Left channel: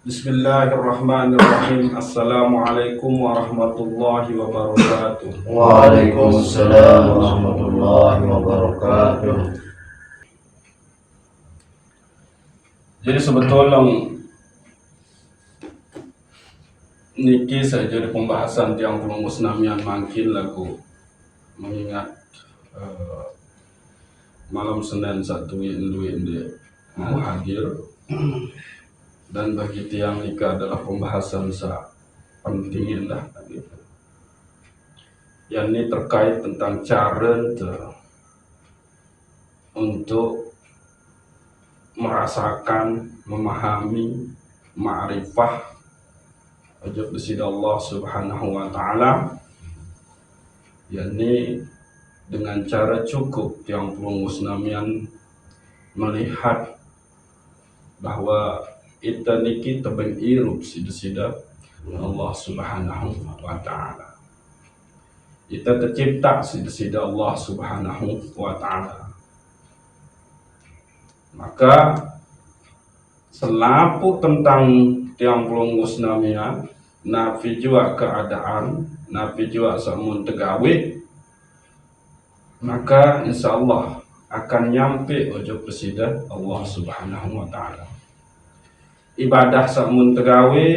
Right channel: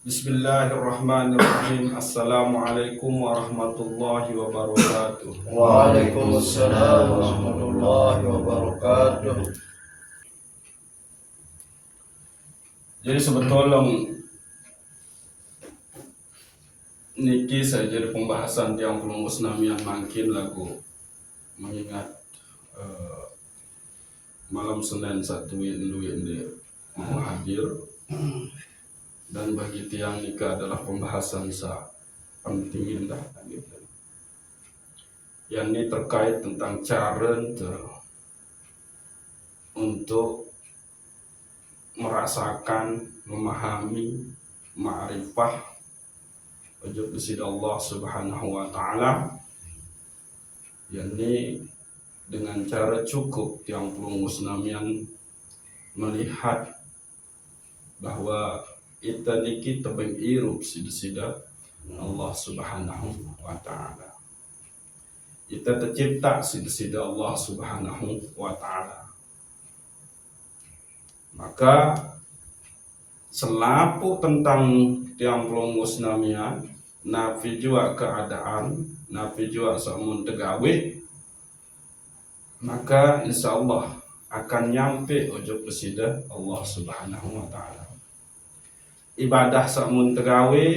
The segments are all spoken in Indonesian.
Bismillahirrahmanirrahim. Assalamualaikum warahmatullahi wabarakatuh. Waalaikumsalam warahmatullahi wabarakatuh. Jadi sebetulnya niki saja di pembahasan tiang pulang musnamian makin lagu mengingat malam Senin satu yang dia mau hadir, dan bagi tiang nikah adalah pembahasan penting dah gitu. Yang ini terkait tentang cara untuk merasakan, memahami, ma'rifah ajab disida Allah subhanahu wa ta'ala, yakni dengan cara cukup yang pelung musnamian melihat bahwa kita niki tebeng irup sida Allah subhanahu wa ta'ala. Kita tercipta sida Allah subhanahu wa ta'ala. Maka selapu tentang tiang pelung musnamian, nafi jua keadaan, nafi jua samun tegawe, maka insya Allah akan nyampe ojo presiden Allah subhanahu wa ta'ala. Ibadah samun tegawe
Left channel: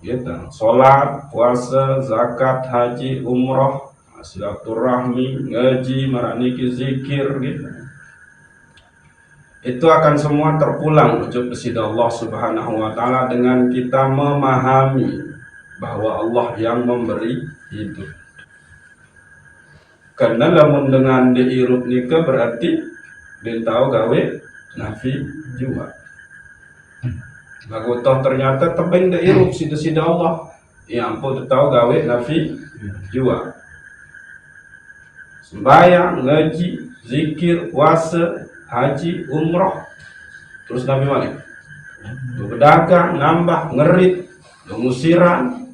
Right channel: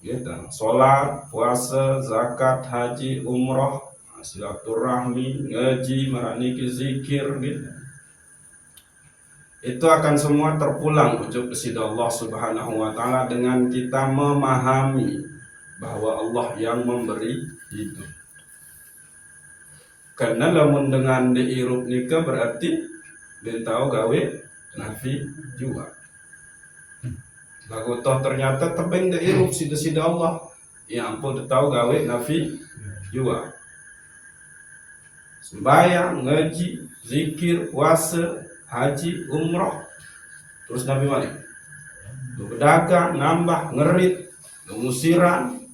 gitu, sholat, puasa, zakat, haji, umroh, silaturahmi, ngaji, maraniki, zikir gitu, itu akan semua terpulang ojo presiden Allah subhanahu wa ta'ala dengan kita memahami bahwa Allah yang memberi hidup. Karena lamun dengan diirup nikah berarti dia tahu gawe nafi juga. Lagu toh ternyata tebing diirup sida Allah. Ya ampun tahu gawe nafi juga. Sembahyang, ngaji, zikir, puasa, haji, umroh. Terus Nabi mana? Berdagang, nambah, ngerit, ngusiran,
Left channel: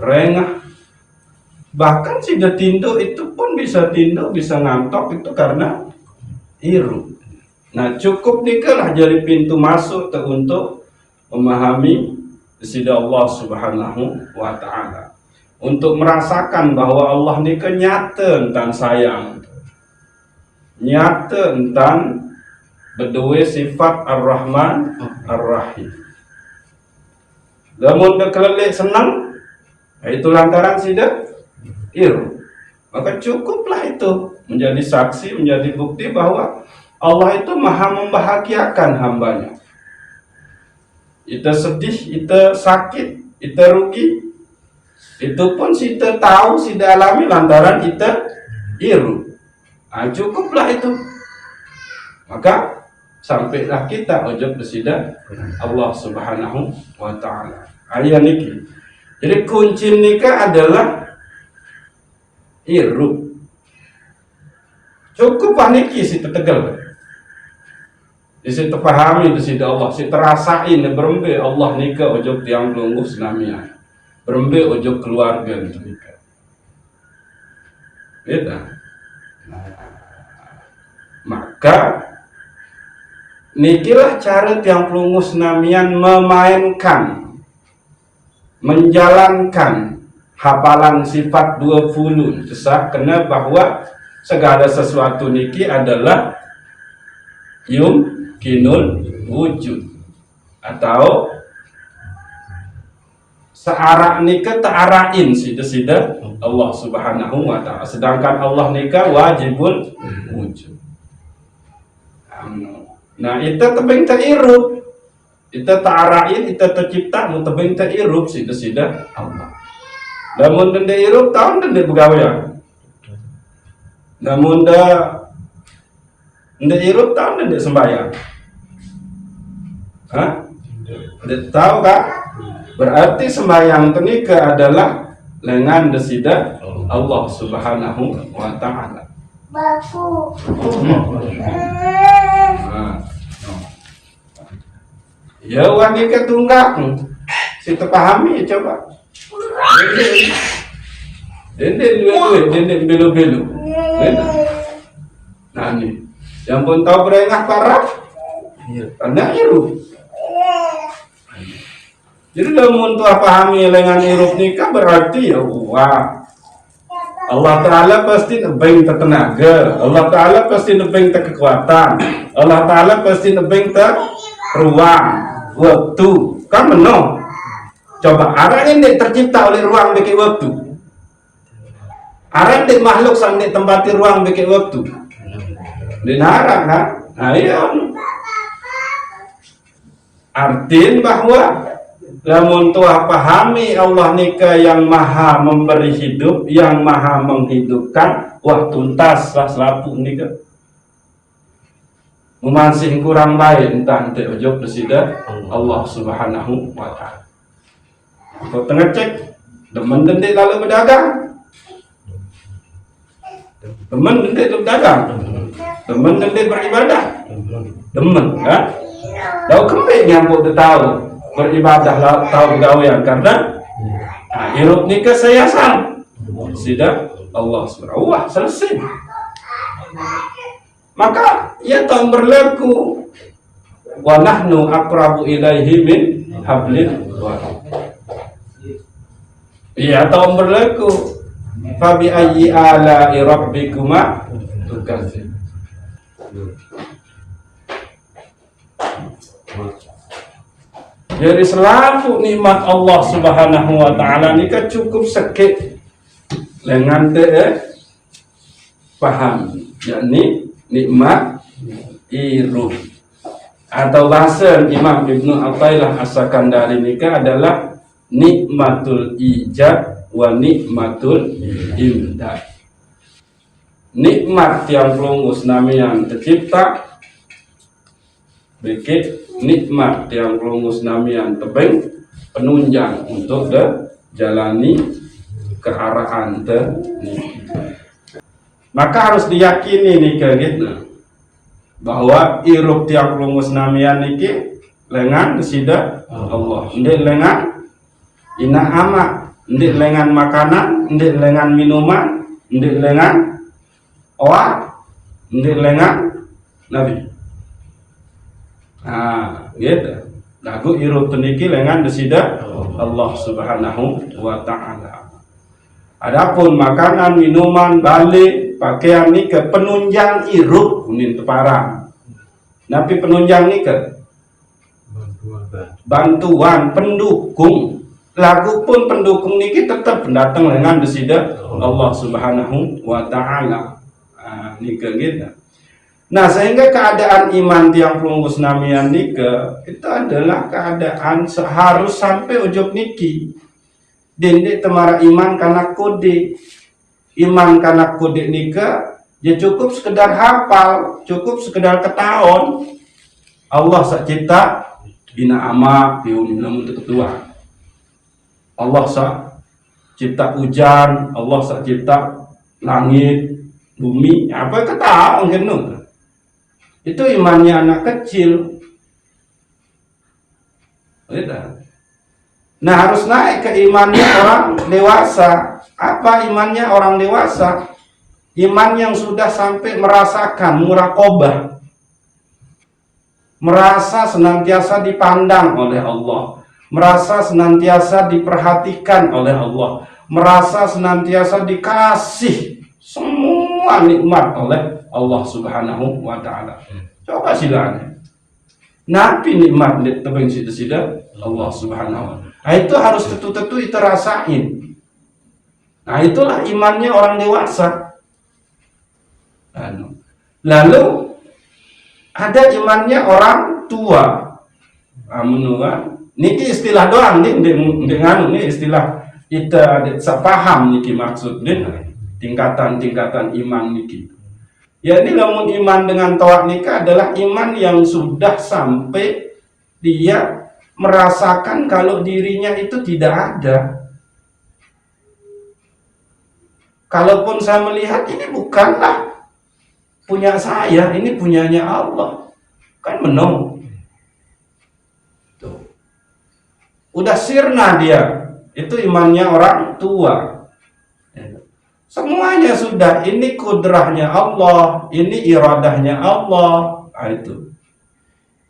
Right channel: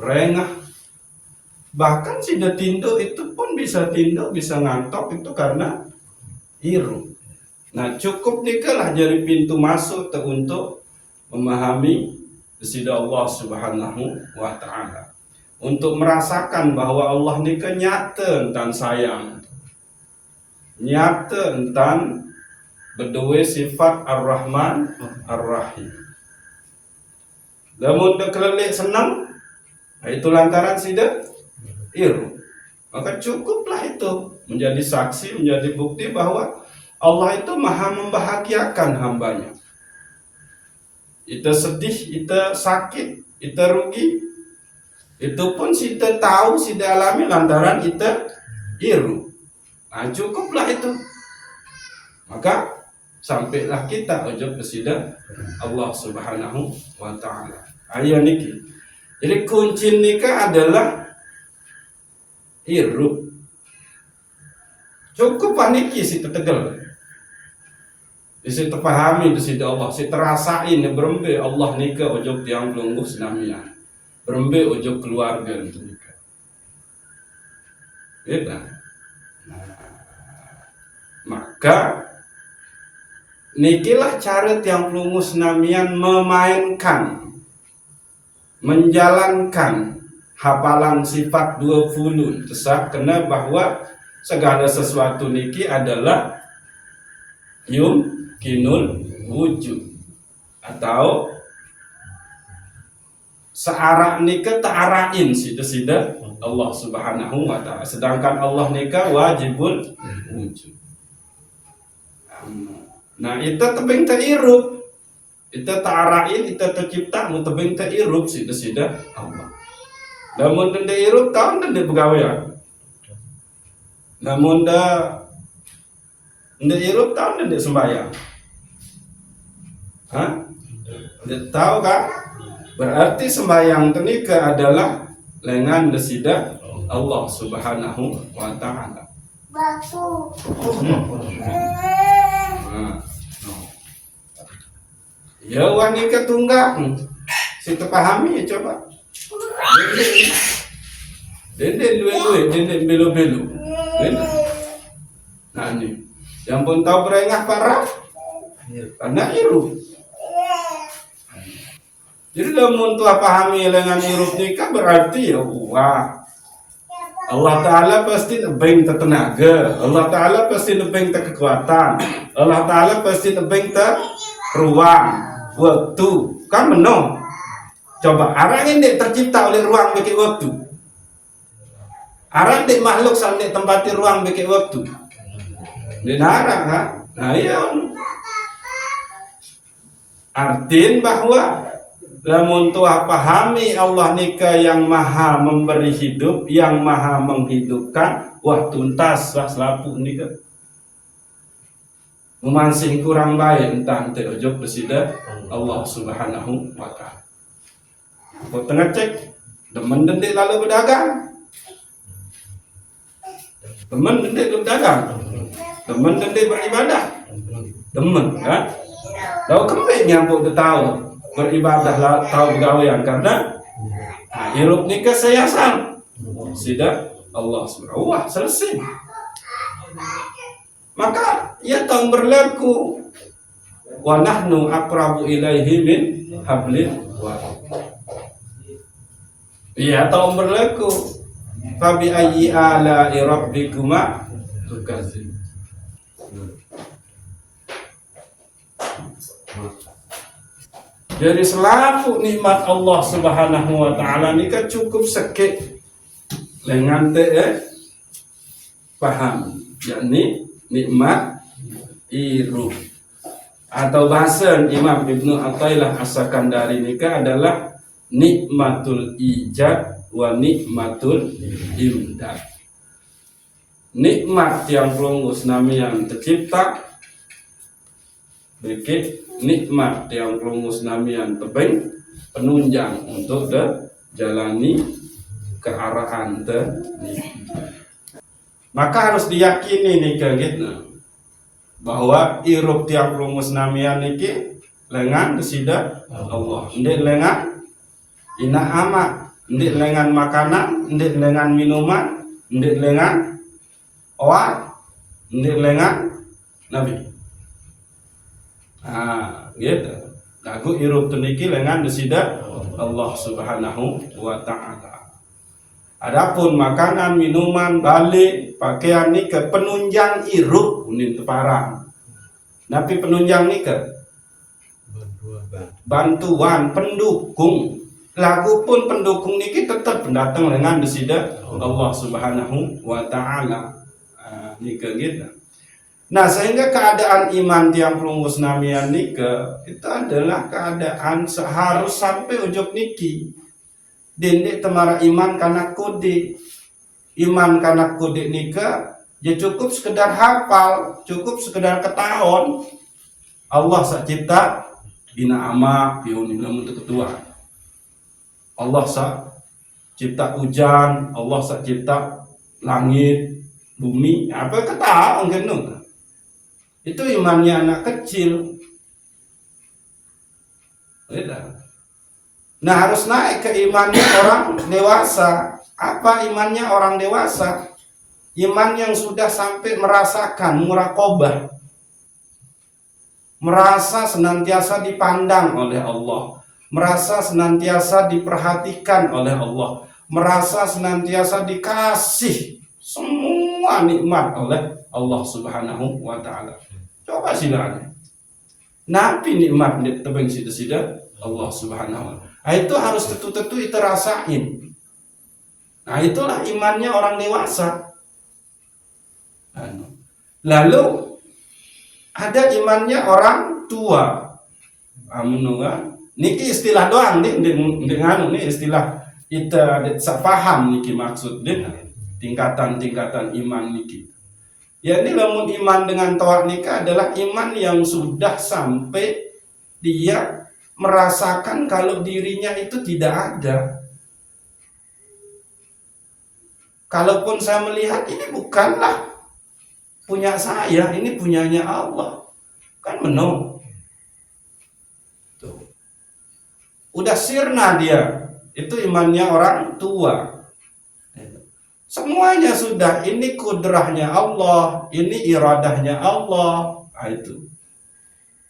berengah. Bahkan si tindo itu pun bisa tindo, bisa ngantok itu karena iru. Nah cukup dikalah jadi pintu masuk untuk memahami sida Allah subhanahu wa ta'ala, untuk merasakan bahwa Allah ini nyata tentang sayang, nyata tentang berdua sifat ar-Rahman ar-Rahim. Namun dekelek senang, itu lantaran sida iru. Maka cukuplah itu menjadi saksi, menjadi bukti bahwa Allah itu maha membahagiakan hambanya. Kita sedih, kita sakit, kita rugi, itu pun kita tahu, kita alami lantaran kita iru. Nah, cukuplah itu. Maka sampailah kita ujub presiden Allah subhanahu wa ta'ala. Ayat niki. Jadi kunci nikah adalah iru. Cukup paniki si tegal. Si terpahami di sini Allah, si terasain berembe Allah nikah ujub tiang lungguh senamian, berembe ujub keluarga nikah. Beda. Maka nikilah cara tiang lungguh senamian memainkan, menjalankan hafalan sifat 20 kesah kena bahwa segala sesuatu niki adalah yumkinul wujud, atau searah nikah ta'arain sida Allah subhanahu wa ta'ala, sedangkan Allah nikah wajibul wujud. Nah itu tebing ta'irup, itu ta'arain, itu tercipta mu tebing ta'irup sida Allah. Namun denda irup tahun denda pegawai. Namun denda irup tahun denda sembahyang. Hah? Tahu kah? Berarti sembahyang tenika adalah lengan desida Allah subhanahu wa ta'ala. Baku. Ya wanita tunggak. Si terpahami ya coba. Dendeng belu-belu. Nah ini, yang pun tahu berengah parah, karena iru. Jadi lamun tuah pahami dengan hirup nikah berarti ya wah Allah Ta'ala pasti nebeng tenaga, Allah Ta'ala pasti nebeng kekuatan, Allah Ta'ala pasti nebeng ruang, waktu. Kan menong. Coba arah ini tercipta oleh ruang bagi waktu. Arah ini makhluk sampai tempati ruang bagi waktu. Dinarang kan? Nah iya. Artiin bahwa lamun tuah pahami Allah nikah yang maha memberi hidup, yang maha menghidupkan, wah tuntas lah selapu nikah. Memansing kurang baik entah ente ojok desida Allah Subhanahu wa ta'ala. Kau tengah cek demen dendek lalu berdagang, demen dendek lalu berdagang, demen dendek beribadah, demen kan? Tahu kembali nyambut dia tahu beribadah tahu gawean karena hirup nikah saya sang sudah Allah Subhanahu wah selesai. Maka ia tahun berlaku wa nahnu aqrabu ilaihi min hablil warid. Ia tahun berlaku fa bi ayyi ala'i rabbikuma tukadzib. Jadi selalu nikmat Allah Subhanahu wa ta'ala ini kan cukup sakit dengan paham, yakni nikmat iruh atau bahasa Imam Ibnu Athaillah As-Sakandari nikah adalah nikmatul ijad wa nikmatul imdad. Nikmat yang pelungus namian tercipta bikin nikmat yang pelungus namian tebeng penunjang untuk jalani kearahan maka harus diyakini nih gitu bahwa irup tiang pelungus namian niki lengan sida Allah ndik lengan ina ama ndik lengan makanan ndik lengan minuman ndik lengan oa ndik lengan nabi. Gitu. Lagu irup teniki lengan desida Allah Subhanahu wa ta'ala. Adapun makanan, minuman, balik, pakaian ni ke penunjang irup unin teparang. Napi penunjang ni ke bantuan, pendukung. Lagu pun pendukung niki tetap pendatang lengan desida Allah Subhanahu wa ta'ala. Ni ke gitu. Nah sehingga keadaan iman tiang pelungus namian nika itu adalah keadaan harus sampai ujung niki dendek temara iman karena kode nika ya cukup sekedar hafal, cukup sekedar ketahuan Allah sak cipta bina ama piunin untuk ketua Allah sak cipta hujan, Allah sak cipta langit bumi apa ketahuan genut. Itu imannya anak kecil. Nah harus naik ke imannya orang dewasa. Apa imannya orang dewasa? Iman yang sudah sampai merasakan muraqabah, merasa senantiasa dipandang oleh Allah, merasa senantiasa diperhatikan oleh Allah, merasa senantiasa dikasih semua nikmat oleh Allah Subhanahu wa ta'ala. Coba silakan. Napi nikmat tebeng sida Allah Subhanahu wa ta'ala. Nah, itu harus tentu itu rasain. Nah, itulah imannya orang dewasa. Lalu ada imannya orang tua. Menurut niki istilah doang dengan ini istilah kita paham niki maksud tingkatan-tingkatan iman niki. Ya ini namun iman dengan tawak nikah adalah iman yang sudah sampai dia merasakan kalau dirinya itu tidak ada. Kalaupun saya melihat ini bukanlah punya saya, ini punyanya Allah. Kan menong. Tuh. Udah sirna dia. Itu imannya orang tua. Semuanya sudah, ini kudrahnya Allah, ini iradahnya Allah, itu.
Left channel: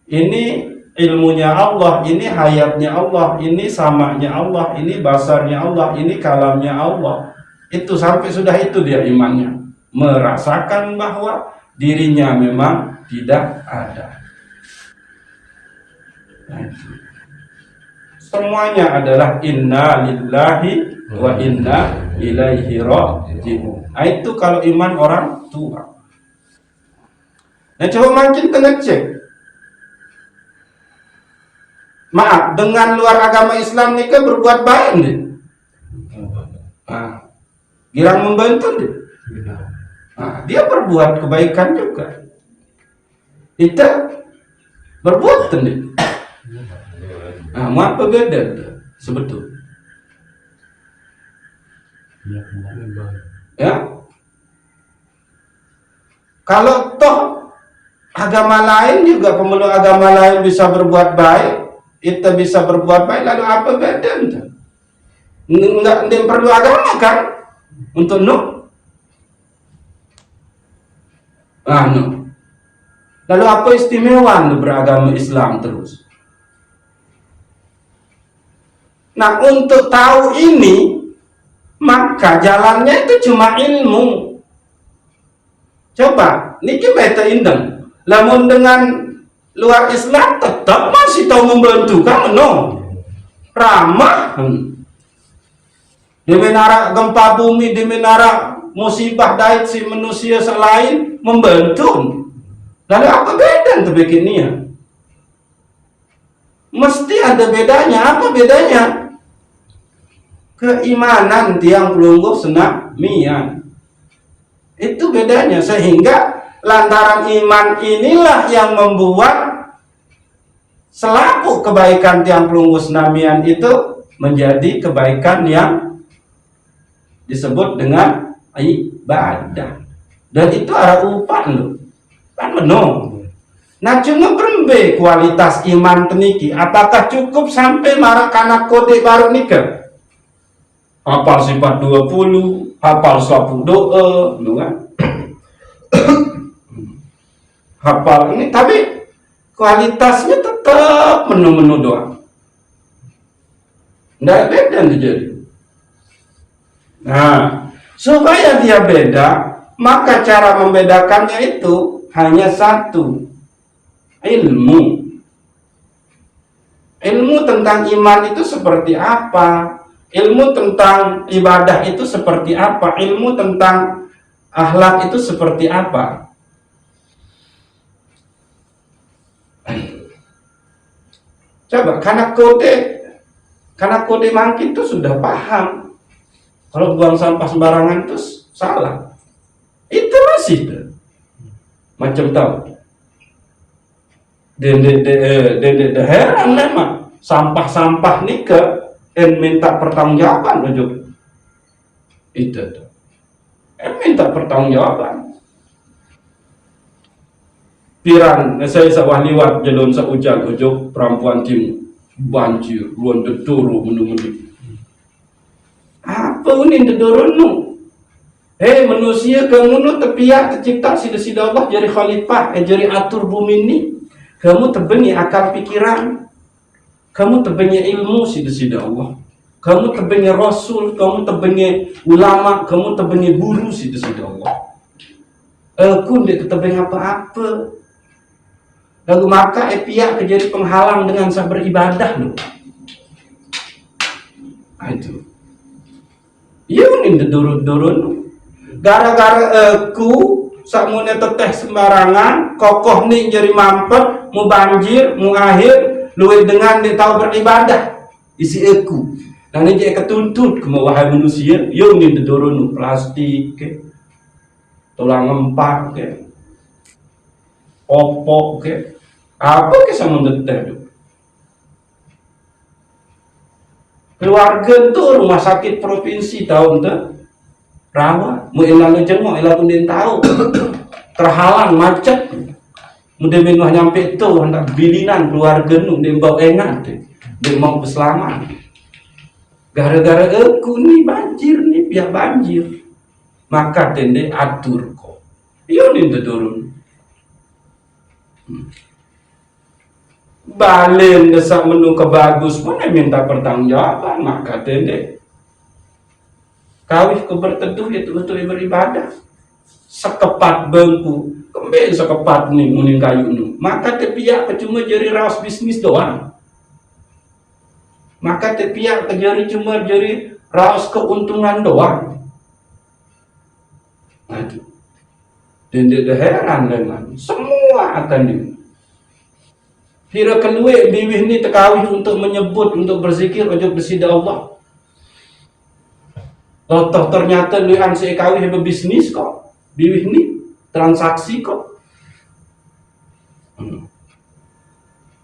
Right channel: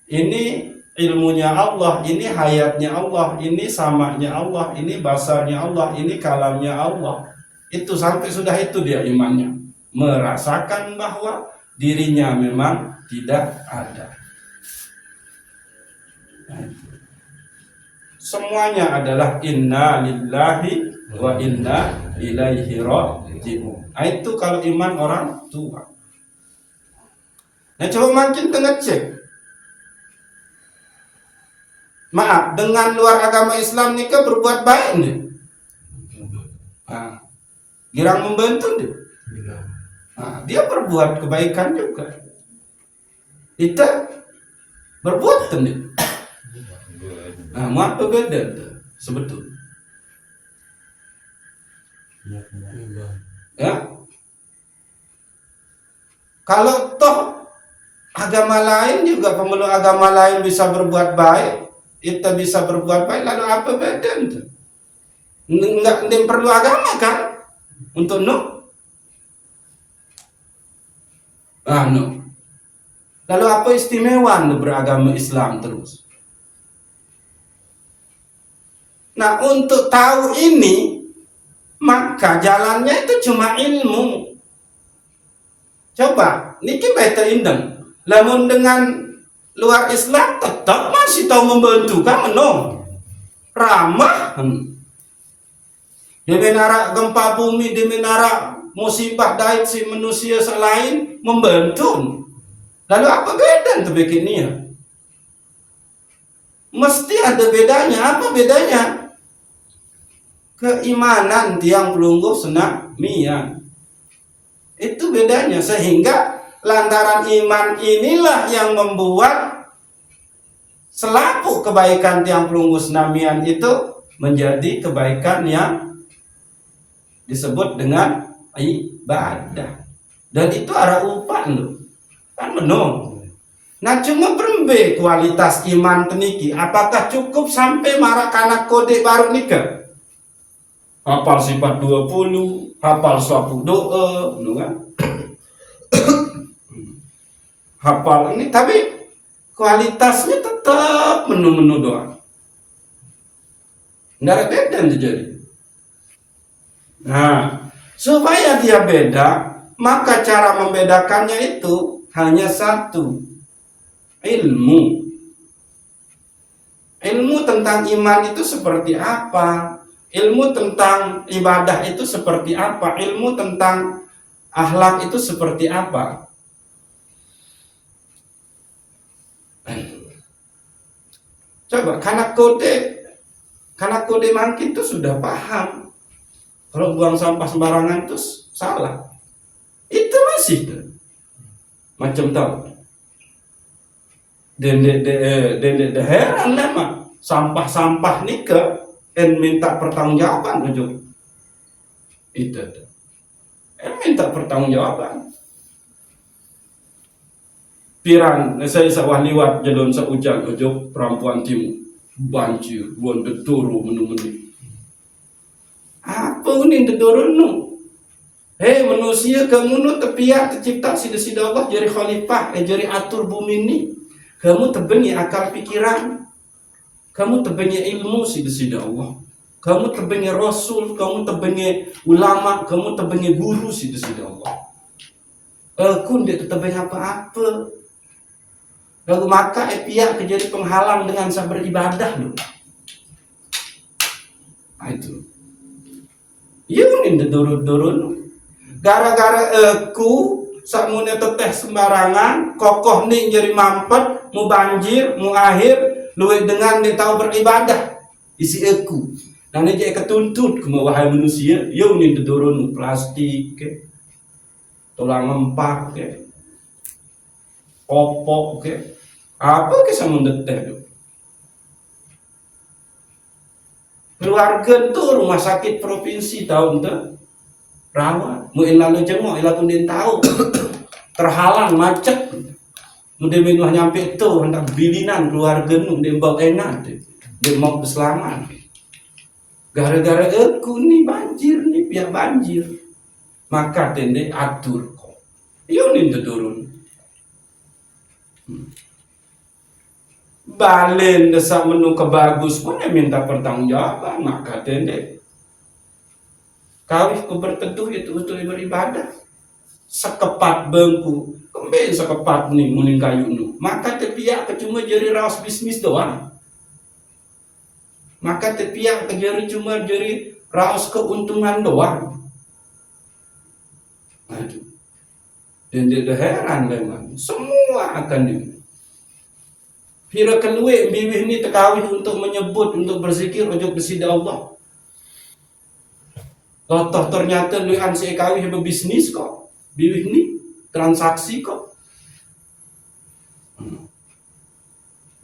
Ini ilmunya Allah, ini hayatnya Allah, ini samanya Allah, ini basarnya Allah, ini kalamnya Allah. Itu sampai sudah itu dia imannya, merasakan bahwa dirinya memang tidak ada. Semuanya adalah inna lillahi wa inna ilaihi raji'un. Nah, itu kalau iman orang tua. Nah, coba makin ngecek. Maaf, dengan luar agama Islam nikah berbuat baik nih. Nah, girang membantu nih. Nah, dia berbuat kebaikan juga. Kita berbuat nih. Nah, apa beda tuh sebetulnya? Ya, kalau toh agama lain juga, pemeluk agama lain bisa berbuat baik, kita bisa berbuat baik, lalu apa beda tuh? Enggak perlu agama kan untuk lalu apa istimewa beragama Islam terus? Nah, untuk tahu ini, maka jalannya itu cuma ilmu. Coba, niki beta indeng. Lamun dengan luar Islam tetap masih tahu membantu kan, no? Ramah. Di menara gempa bumi, di menara musibah dait si manusia selain membantu. Lalu apa beda untuk bikinnya? Mesti ada bedanya. Apa bedanya? Keimanan tiang pelungguh senamian. Itu bedanya. Sehingga lantaran iman inilah yang membuat selaku kebaikan tiang pelungguh senamian itu menjadi kebaikan yang disebut dengan ibadah. Dan itu arah upah loh. Kan menung. Nah, cuma berembe kualitas iman teniki. Apakah cukup sampai marak anak kode baru nikah? Hafal sifat 20, hafal sapu doa, kan? Hafal ini, tapi kualitasnya tetap menu-menu doa. Nggak beda terjadi. Nah, supaya dia beda, maka cara membedakannya itu hanya satu, ilmu. Ilmu tentang iman itu seperti apa? Ilmu tentang ibadah itu seperti apa? Ilmu tentang akhlak itu seperti apa? Coba, karena kode mangkin itu sudah paham. Kalau buang sampah sembarangan itu salah. Itu masih tuh. Macam tahu. Dan heran memang sampah-sampah nikah minta pertanggungjawaban ujuk. Itu tuh. Minta pertanggungjawaban. Piran, saya sawah liwat jalan saujan ujuk perempuan tim banjir, luan dedoro menu-menu. Apa ini dedoro nu? Hei manusia kamu nu tepiak tercipta sida-sida Allah jadi khalifah, jadi atur bumi ini. Kamu terbenyi akal pikiran, kamu terbenyi ilmu sida-sida Allah. Kamu terbenyi rasul, kamu terbenyi ulama, kamu terbenyi guru sida-sida Allah. Aku tidak terbenyi apa-apa. Lalu maka pihak menjadi penghalang dengan sabar ibadah loh. Itu. Ya ini dedurun-durun. Gara-gara aku sakmunya teteh sembarangan, kokoh nih jadi mampet, mau banjir, mau akhir, luwih dengan dia tahu beribadah. Isi aku. Nah ini dia ketuntut ke wahai manusia, ya ini dedurun plastik, tulang empat, opok, apa kisah mendetek itu? Keluarga itu rumah sakit provinsi tahun itu rawat, mau lalu jenguk, lalu din tahu terhalang macet, mudah minuh nyampe itu hendak bilinan keluarga nu dia bawa enak, dia mau berselamat. Gara-gara aku nih banjir nih biar banjir, maka tende atur kok, iya nih turun. balen desak menu kebagus mana minta pertanggungjawaban, maka tende kawih ku berteduh itu betul beribadah sekepat bengku kembali sekepat nih muning kayu nu, maka tepiak cuma jadi raos bisnis doang, maka tepiak cuma jadi raos keuntungan doang. Aduh, dan dia heran dengan semua akan di Hira keluar biwih ni tekawih untuk menyebut, untuk berzikir ojo bersida Allah. Toh ternyata luan si kawih berbisnis kok, biwih ni transaksi kok.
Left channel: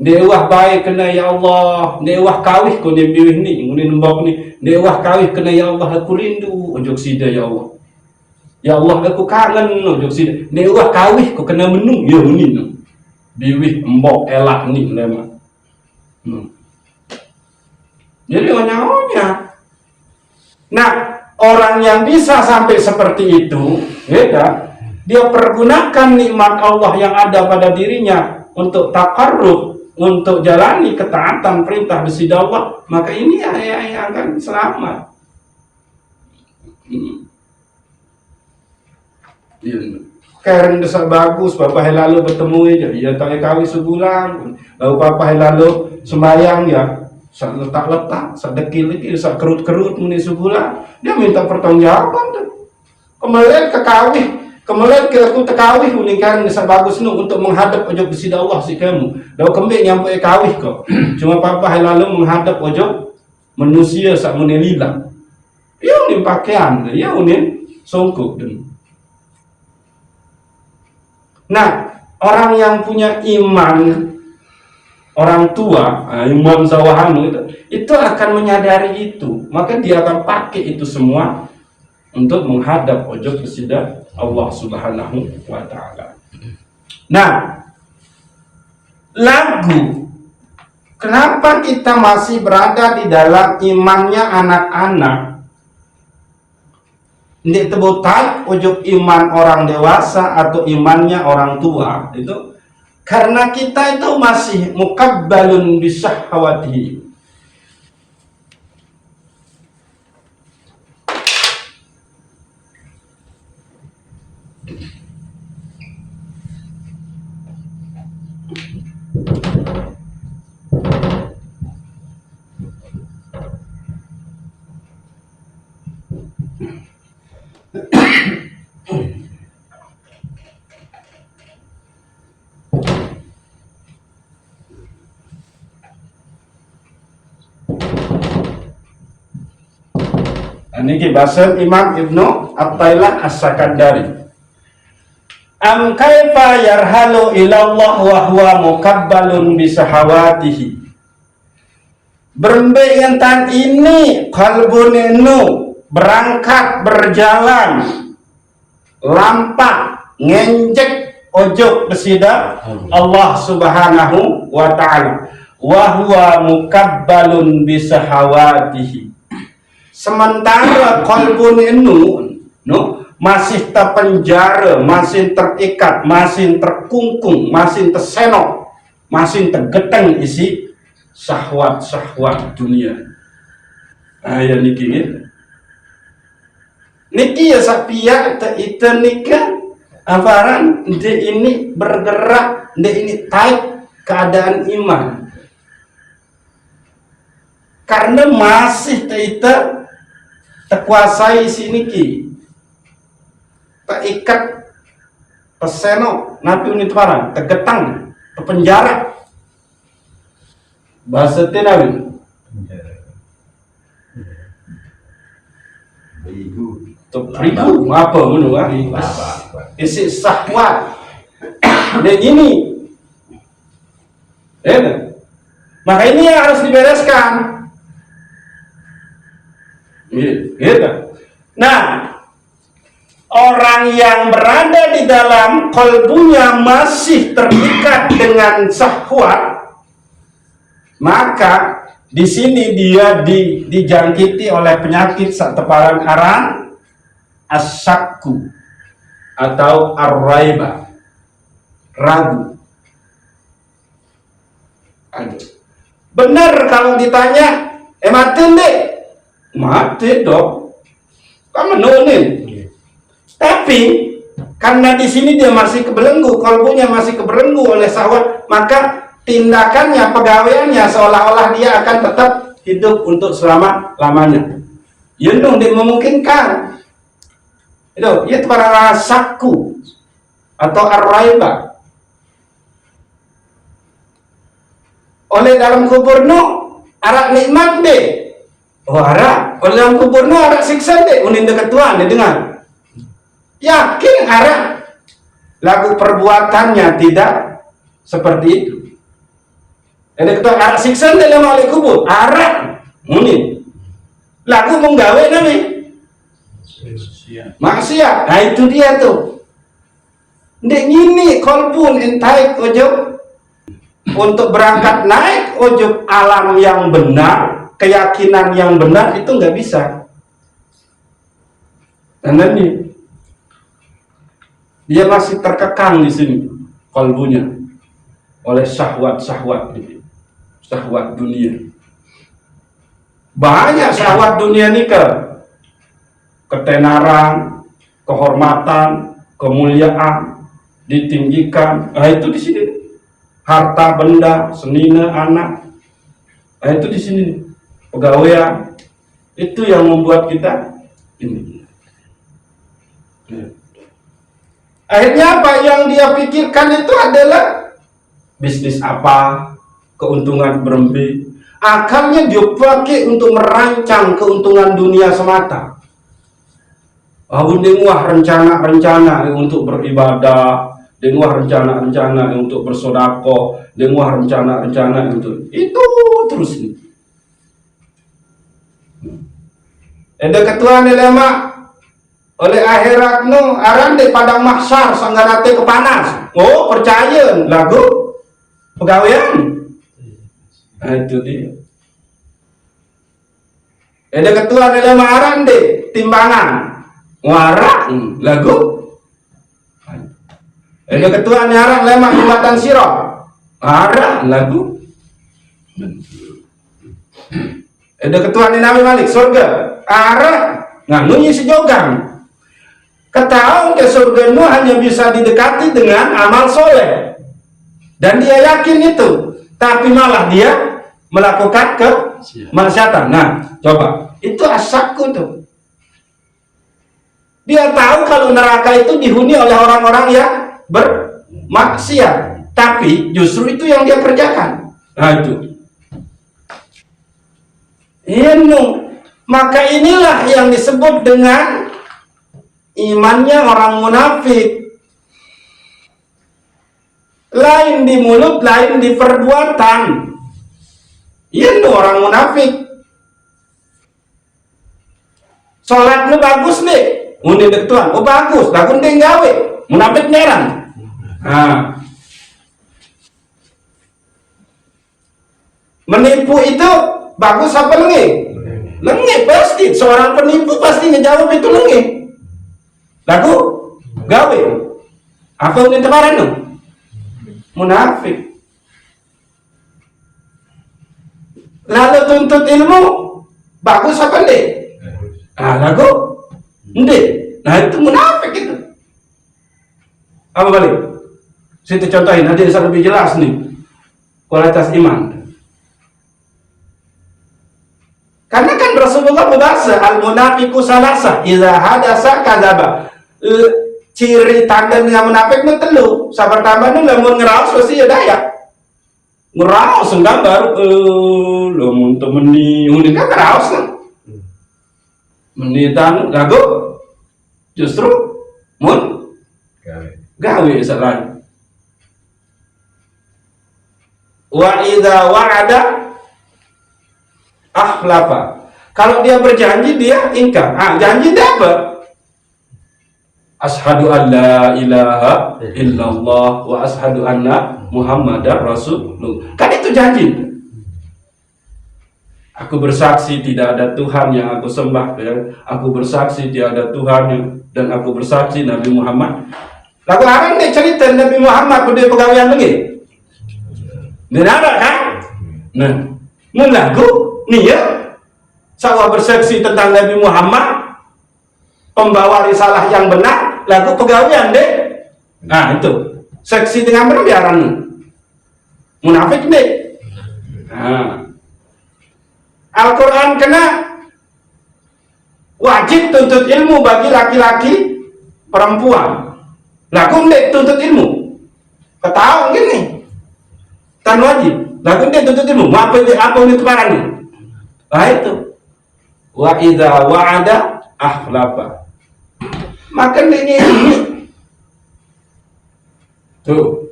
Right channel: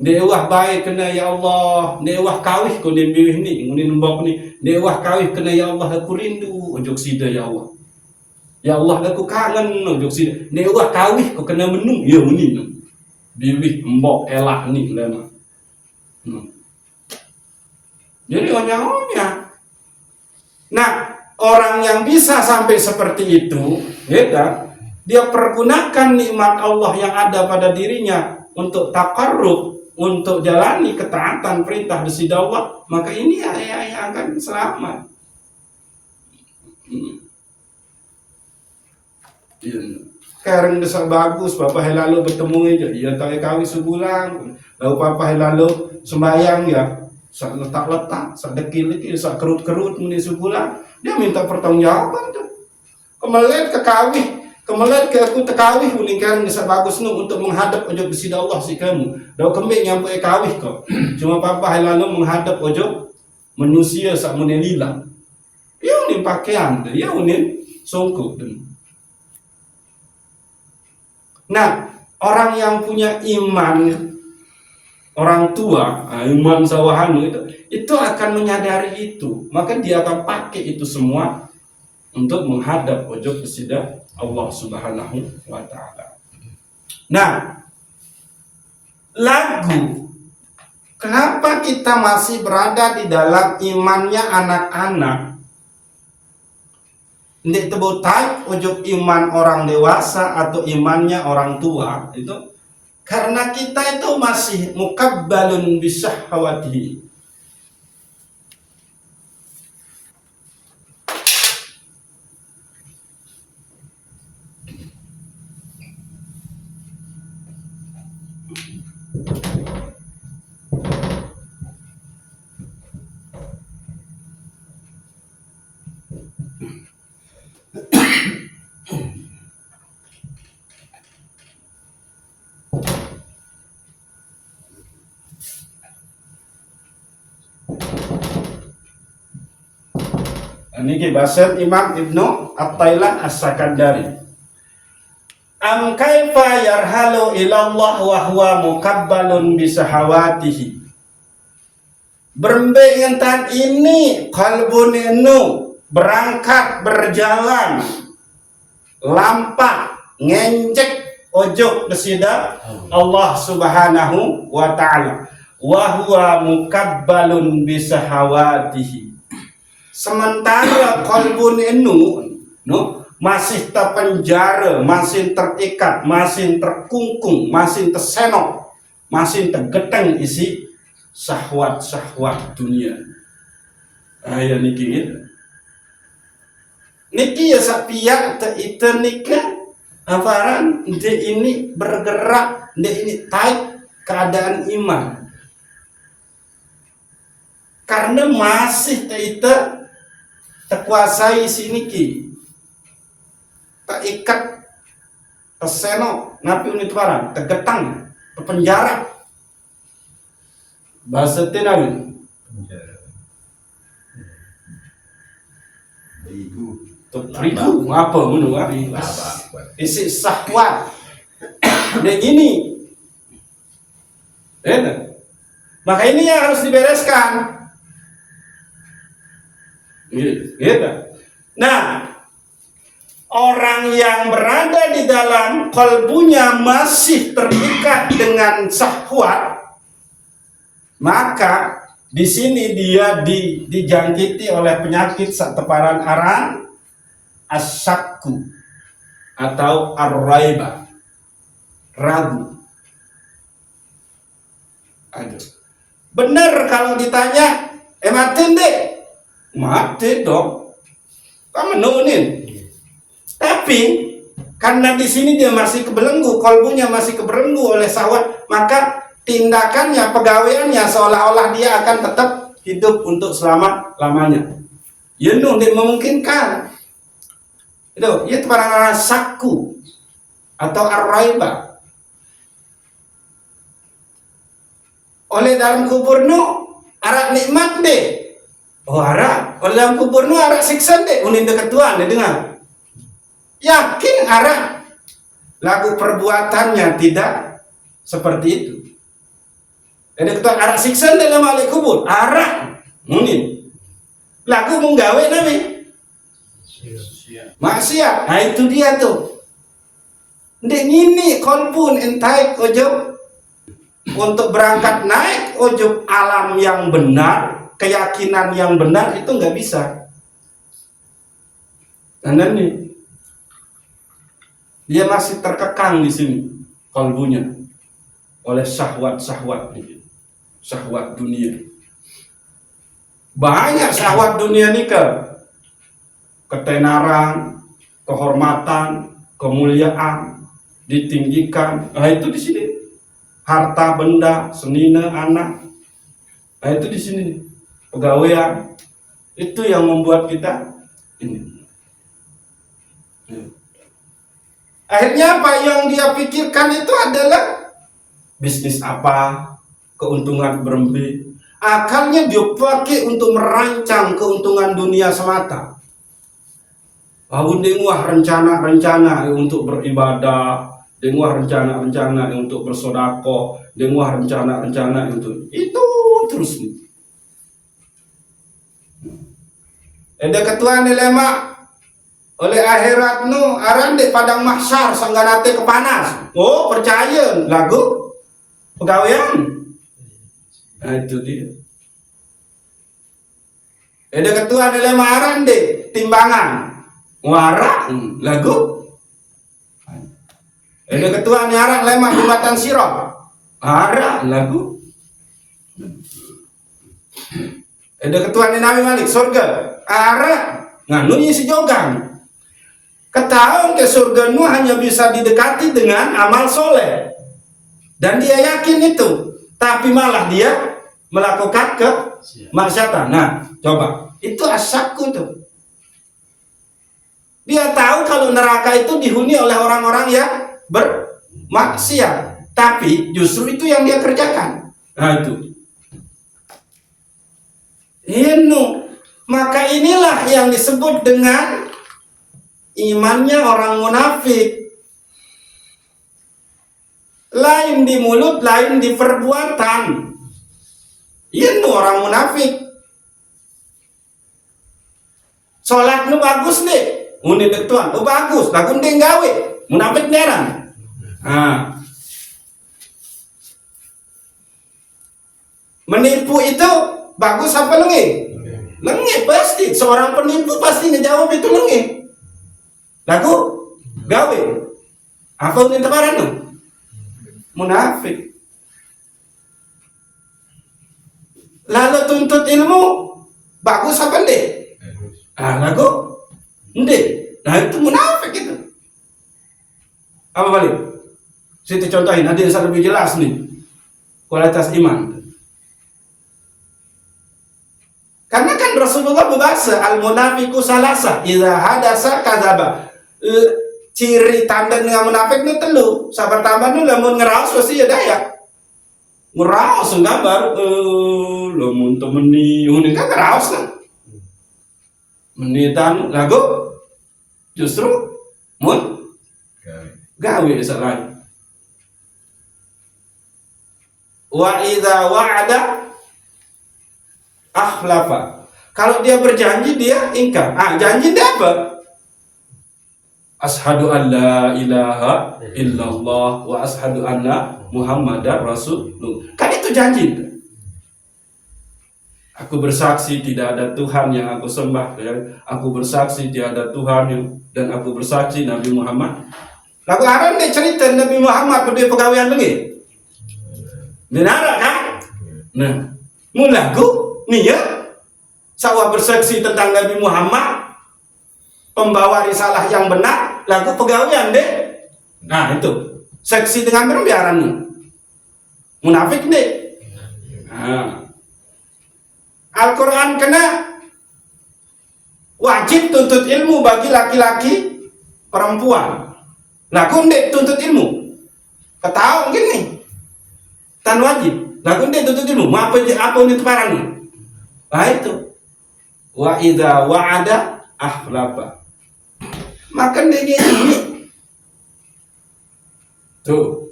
Dewah baik kena ya Allah, dewah kawih ko ni biwih ni, nguni nembak ni, dewah kawih kena ya Allah aku rindu ojo sida ya Allah. Ya Allah aku kangen ojo sida. Dewah kawih ko kena menu ya nguni. Biwih embok elak ni lema. Jadi onya-onya. Nah, orang yang bisa sampai seperti itu, ya kan? Dia pergunakan nikmat Allah yang ada pada dirinya untuk takarrub, untuk jalani ketaatan perintah besida Allah, maka ini yang akan selamat. Karen desa bagus, bapak lalu bertemu aja, ya tak kawin sebulan, lalu bapak lalu sembayang ya, letak-letak, sedekil-dekil, kerut-kerut muni sebulan, dia minta pertanggungjawaban tuh. Kemudian ke kawin, kemudian ke aku tekawih muni Karen desa bagus nu untuk menghadap ojo besida Allah si kamu, lalu kembali nyampe kawih kok, cuma bapak lalu menghadap ojo manusia sak muni lila, ya unin pakaian, ya unin songkok dulu. Nah, orang yang punya iman orang tua, iman sawahanu itu akan menyadari itu, maka dia akan pakai itu semua untuk menghadap ojo besida Allah Subhanahu wa taala. Nah, lagu kenapa kita masih berada di dalam imannya anak-anak? Ini tebutai ujub iman orang dewasa atau imannya orang tua itu karena kita itu masih mukabbalun bisahawatihi. Ini bahasa Imam Ibnu At-Tailah As-Sakandari. Am kaifa yarhalu ilallah wa huwa mukabbalun bisahawatihi. Berembentan ini kalbunenu berangkat berjalan lampak ngenjek ojo besida Allah Subhanahu wa taala wa huwa mukabbalun bisahawatihi. Sementara kolbun itu masih terpenjara, masih terikat, masih terkungkung, masih tersenok, masih tergeteng isi syahwat-syahwat dunia. Ya niki ya sapia itu nikah afaran dia ini bergerak, dia ini taik keadaan iman. Karena masih kita terkuasai sini ki tak ikat tersenok napi unit barang tergetang terpenjara bahasa tenawin beriku apa menurut isi sahwat dan ini maka ini yang harus dibereskan. Gitu. Nah, orang yang berada di dalam kalbunya masih terikat dengan syahwat, maka di sini dia dijangkiti oleh penyakit teparan aran asyakku atau ar-raiba, ragu. Aduh. Benar kalau ditanya, mati deh, mati dong, kamu nunin. Tapi karena di sini dia masih kebelenggu, kolbunya masih kebelenggu oleh syahwat, maka tindakannya, pegawaiannya seolah-olah dia akan tetap hidup untuk selama-lamanya. Ya dia memungkinkan. Itu para sakku atau ar-raiba. Oleh dalam kubur arak nikmat deh. Arak. Oleh dalam kubur arak siksa deh. Unin dekat Tuhan, dengar. Yakin arak. Lagu perbuatannya tidak seperti itu. Ada ketua arak siksa deh dalam ahli kubur. Arak. Unin. Lagu menggawe namanya. Maksiat. Nah itu dia tuh. Dek ini kolbun intaik ojok. Untuk berangkat naik ujub alam yang benar, keyakinan yang benar itu nggak bisa. Karena nih dia masih terkekang di sini kalbunya oleh syahwat dunia. Banyak syahwat dunia ini ketenaran, kehormatan, kemuliaan, ditinggikan. Nah itu di sini. Harta benda, senina, anak. Nah itu di sini pegawaian. Itu yang membuat kita ini. Akhirnya apa yang dia pikirkan itu adalah bisnis apa, keuntungan berlebih. Akalnya dia pakai untuk merancang keuntungan dunia semata. Wah rencana-rencana untuk beribadah. Dengar rencana-rencana untuk bersedekah, dengar rencana-rencana untuk itu terus nih. Ada ketua dilema oleh akhirat aran di padang mahsyar sangganate kepanas. Oh percaya lagu pegawaian. Nah itu dia. Ada ketua dilema aran di timbangan. Warak lagu. Ada ketua nyarang lemak jembatan sirah. Arah lagu. Ada ketua ni Nabi Malik surga. Arah nganunya sejogang. Ketahuan ke surga nu hanya bisa didekati dengan amal soleh. Dan dia yakin itu. Tapi malah dia melakukan kemaksiatan. Nah, coba. Itu asakku tuh. Dia tahu kalau neraka itu dihuni oleh orang-orang yang bermaksiat, tapi justru itu yang dia kerjakan. Nah itu. Maka inilah yang disebut dengan imannya orang munafik. Lain di mulut, lain di perbuatan. Orang munafik. Sholatnya bagus deh, munding Tuhan. Oh bagus, bagus deh gawe. Munafik nyerang. Nah, menipu itu bagus apa lengi? Lengi pasti. Seorang penipu pasti ngejawab itu lengi. Lagu gawe. Apa yang kemarin tuh? Munafik. Lalu tuntut ilmu bagus apa deh? Nah, lagu ndek. Nah itu munafik itu. Apa balik? Saya contohin, nanti bisa lebih jelas nih kualitas iman. Karena kan Rasulullah berbahasa al-munafiqu salasa idza hadasa kadzaba. Ciri tanda dengan munafik itu telu. Sabar tambah nu lamun ngeraos pasti ya daya. Ngeraos gambar lamun temeni unin kan ngeraos kan. Menitan lagu justru gawe salah. Wa idza wa'ada akhlafa. Kalau dia berjanji dia ingkar. Janji dia apa? Asyhadu an la ilaha illallah wa asyhadu anna Muhammadar Rasulullah. Kan itu janji. Aku bersaksi tidak ada Tuhan yang aku sembah, aku bersaksi tidak ada Tuhan dan aku bersaksi Nabi Muhammad. Lagu haram dia cerita Nabi Muhammad dia pegawaian lagi. Dia ada kan? Nah, mulaku niat sawah bersaksi tentang Nabi Muhammad, pembawa risalah yang benar, lagu pegawaian deh. Nah itu, seksi dengan berbiaran munafik deh. Nah, Al-Quran kena wajib tuntut ilmu bagi laki-laki perempuan. Lagu deh tuntut ilmu. Ketahu gini, tan wajib. Lagu deh tuntut ilmu. Apa ini keparan? Nah itu. Wa idza wa'ada akhlafa. Maka dia ini tuh.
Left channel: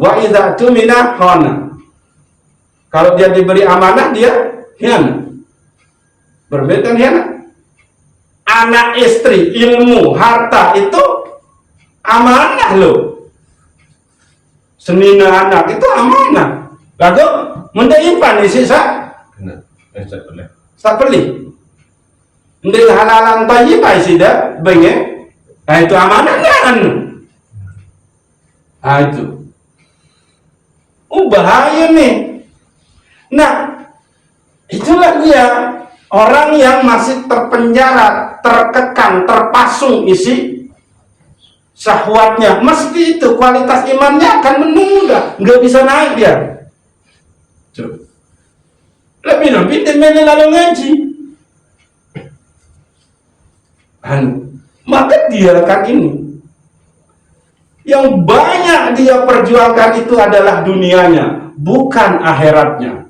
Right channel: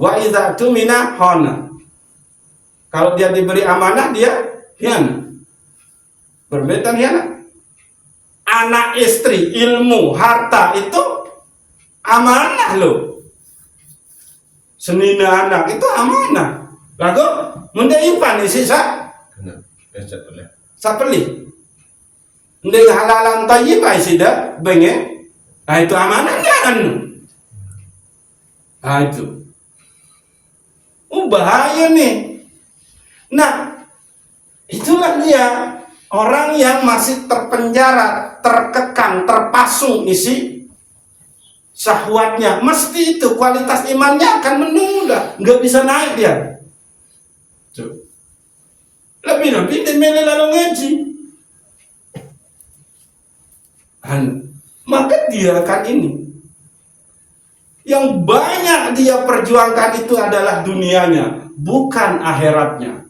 Wa idza tumina khana. Kalau dia diberi amanah dia hianat. Berbetan hianat. Anak istri, ilmu, harta itu amanah loh. Senina anak itu amanah. Lalu mendaipan isi sapeli. Ndek halalan thayyibah sida benge. Nah itu amanah kan. Nah itu. Bahaya nih. Nah, itulah dia orang yang masih terpenjara, terkekang, terpasung isi syahwatnya. Mesti itu kualitas imannya akan menunda, nggak bisa naik dia. Lebih dia lalu ngaji. Maka dia kan ini yang banyak dia perjuangkan itu adalah dunianya, bukan akhiratnya.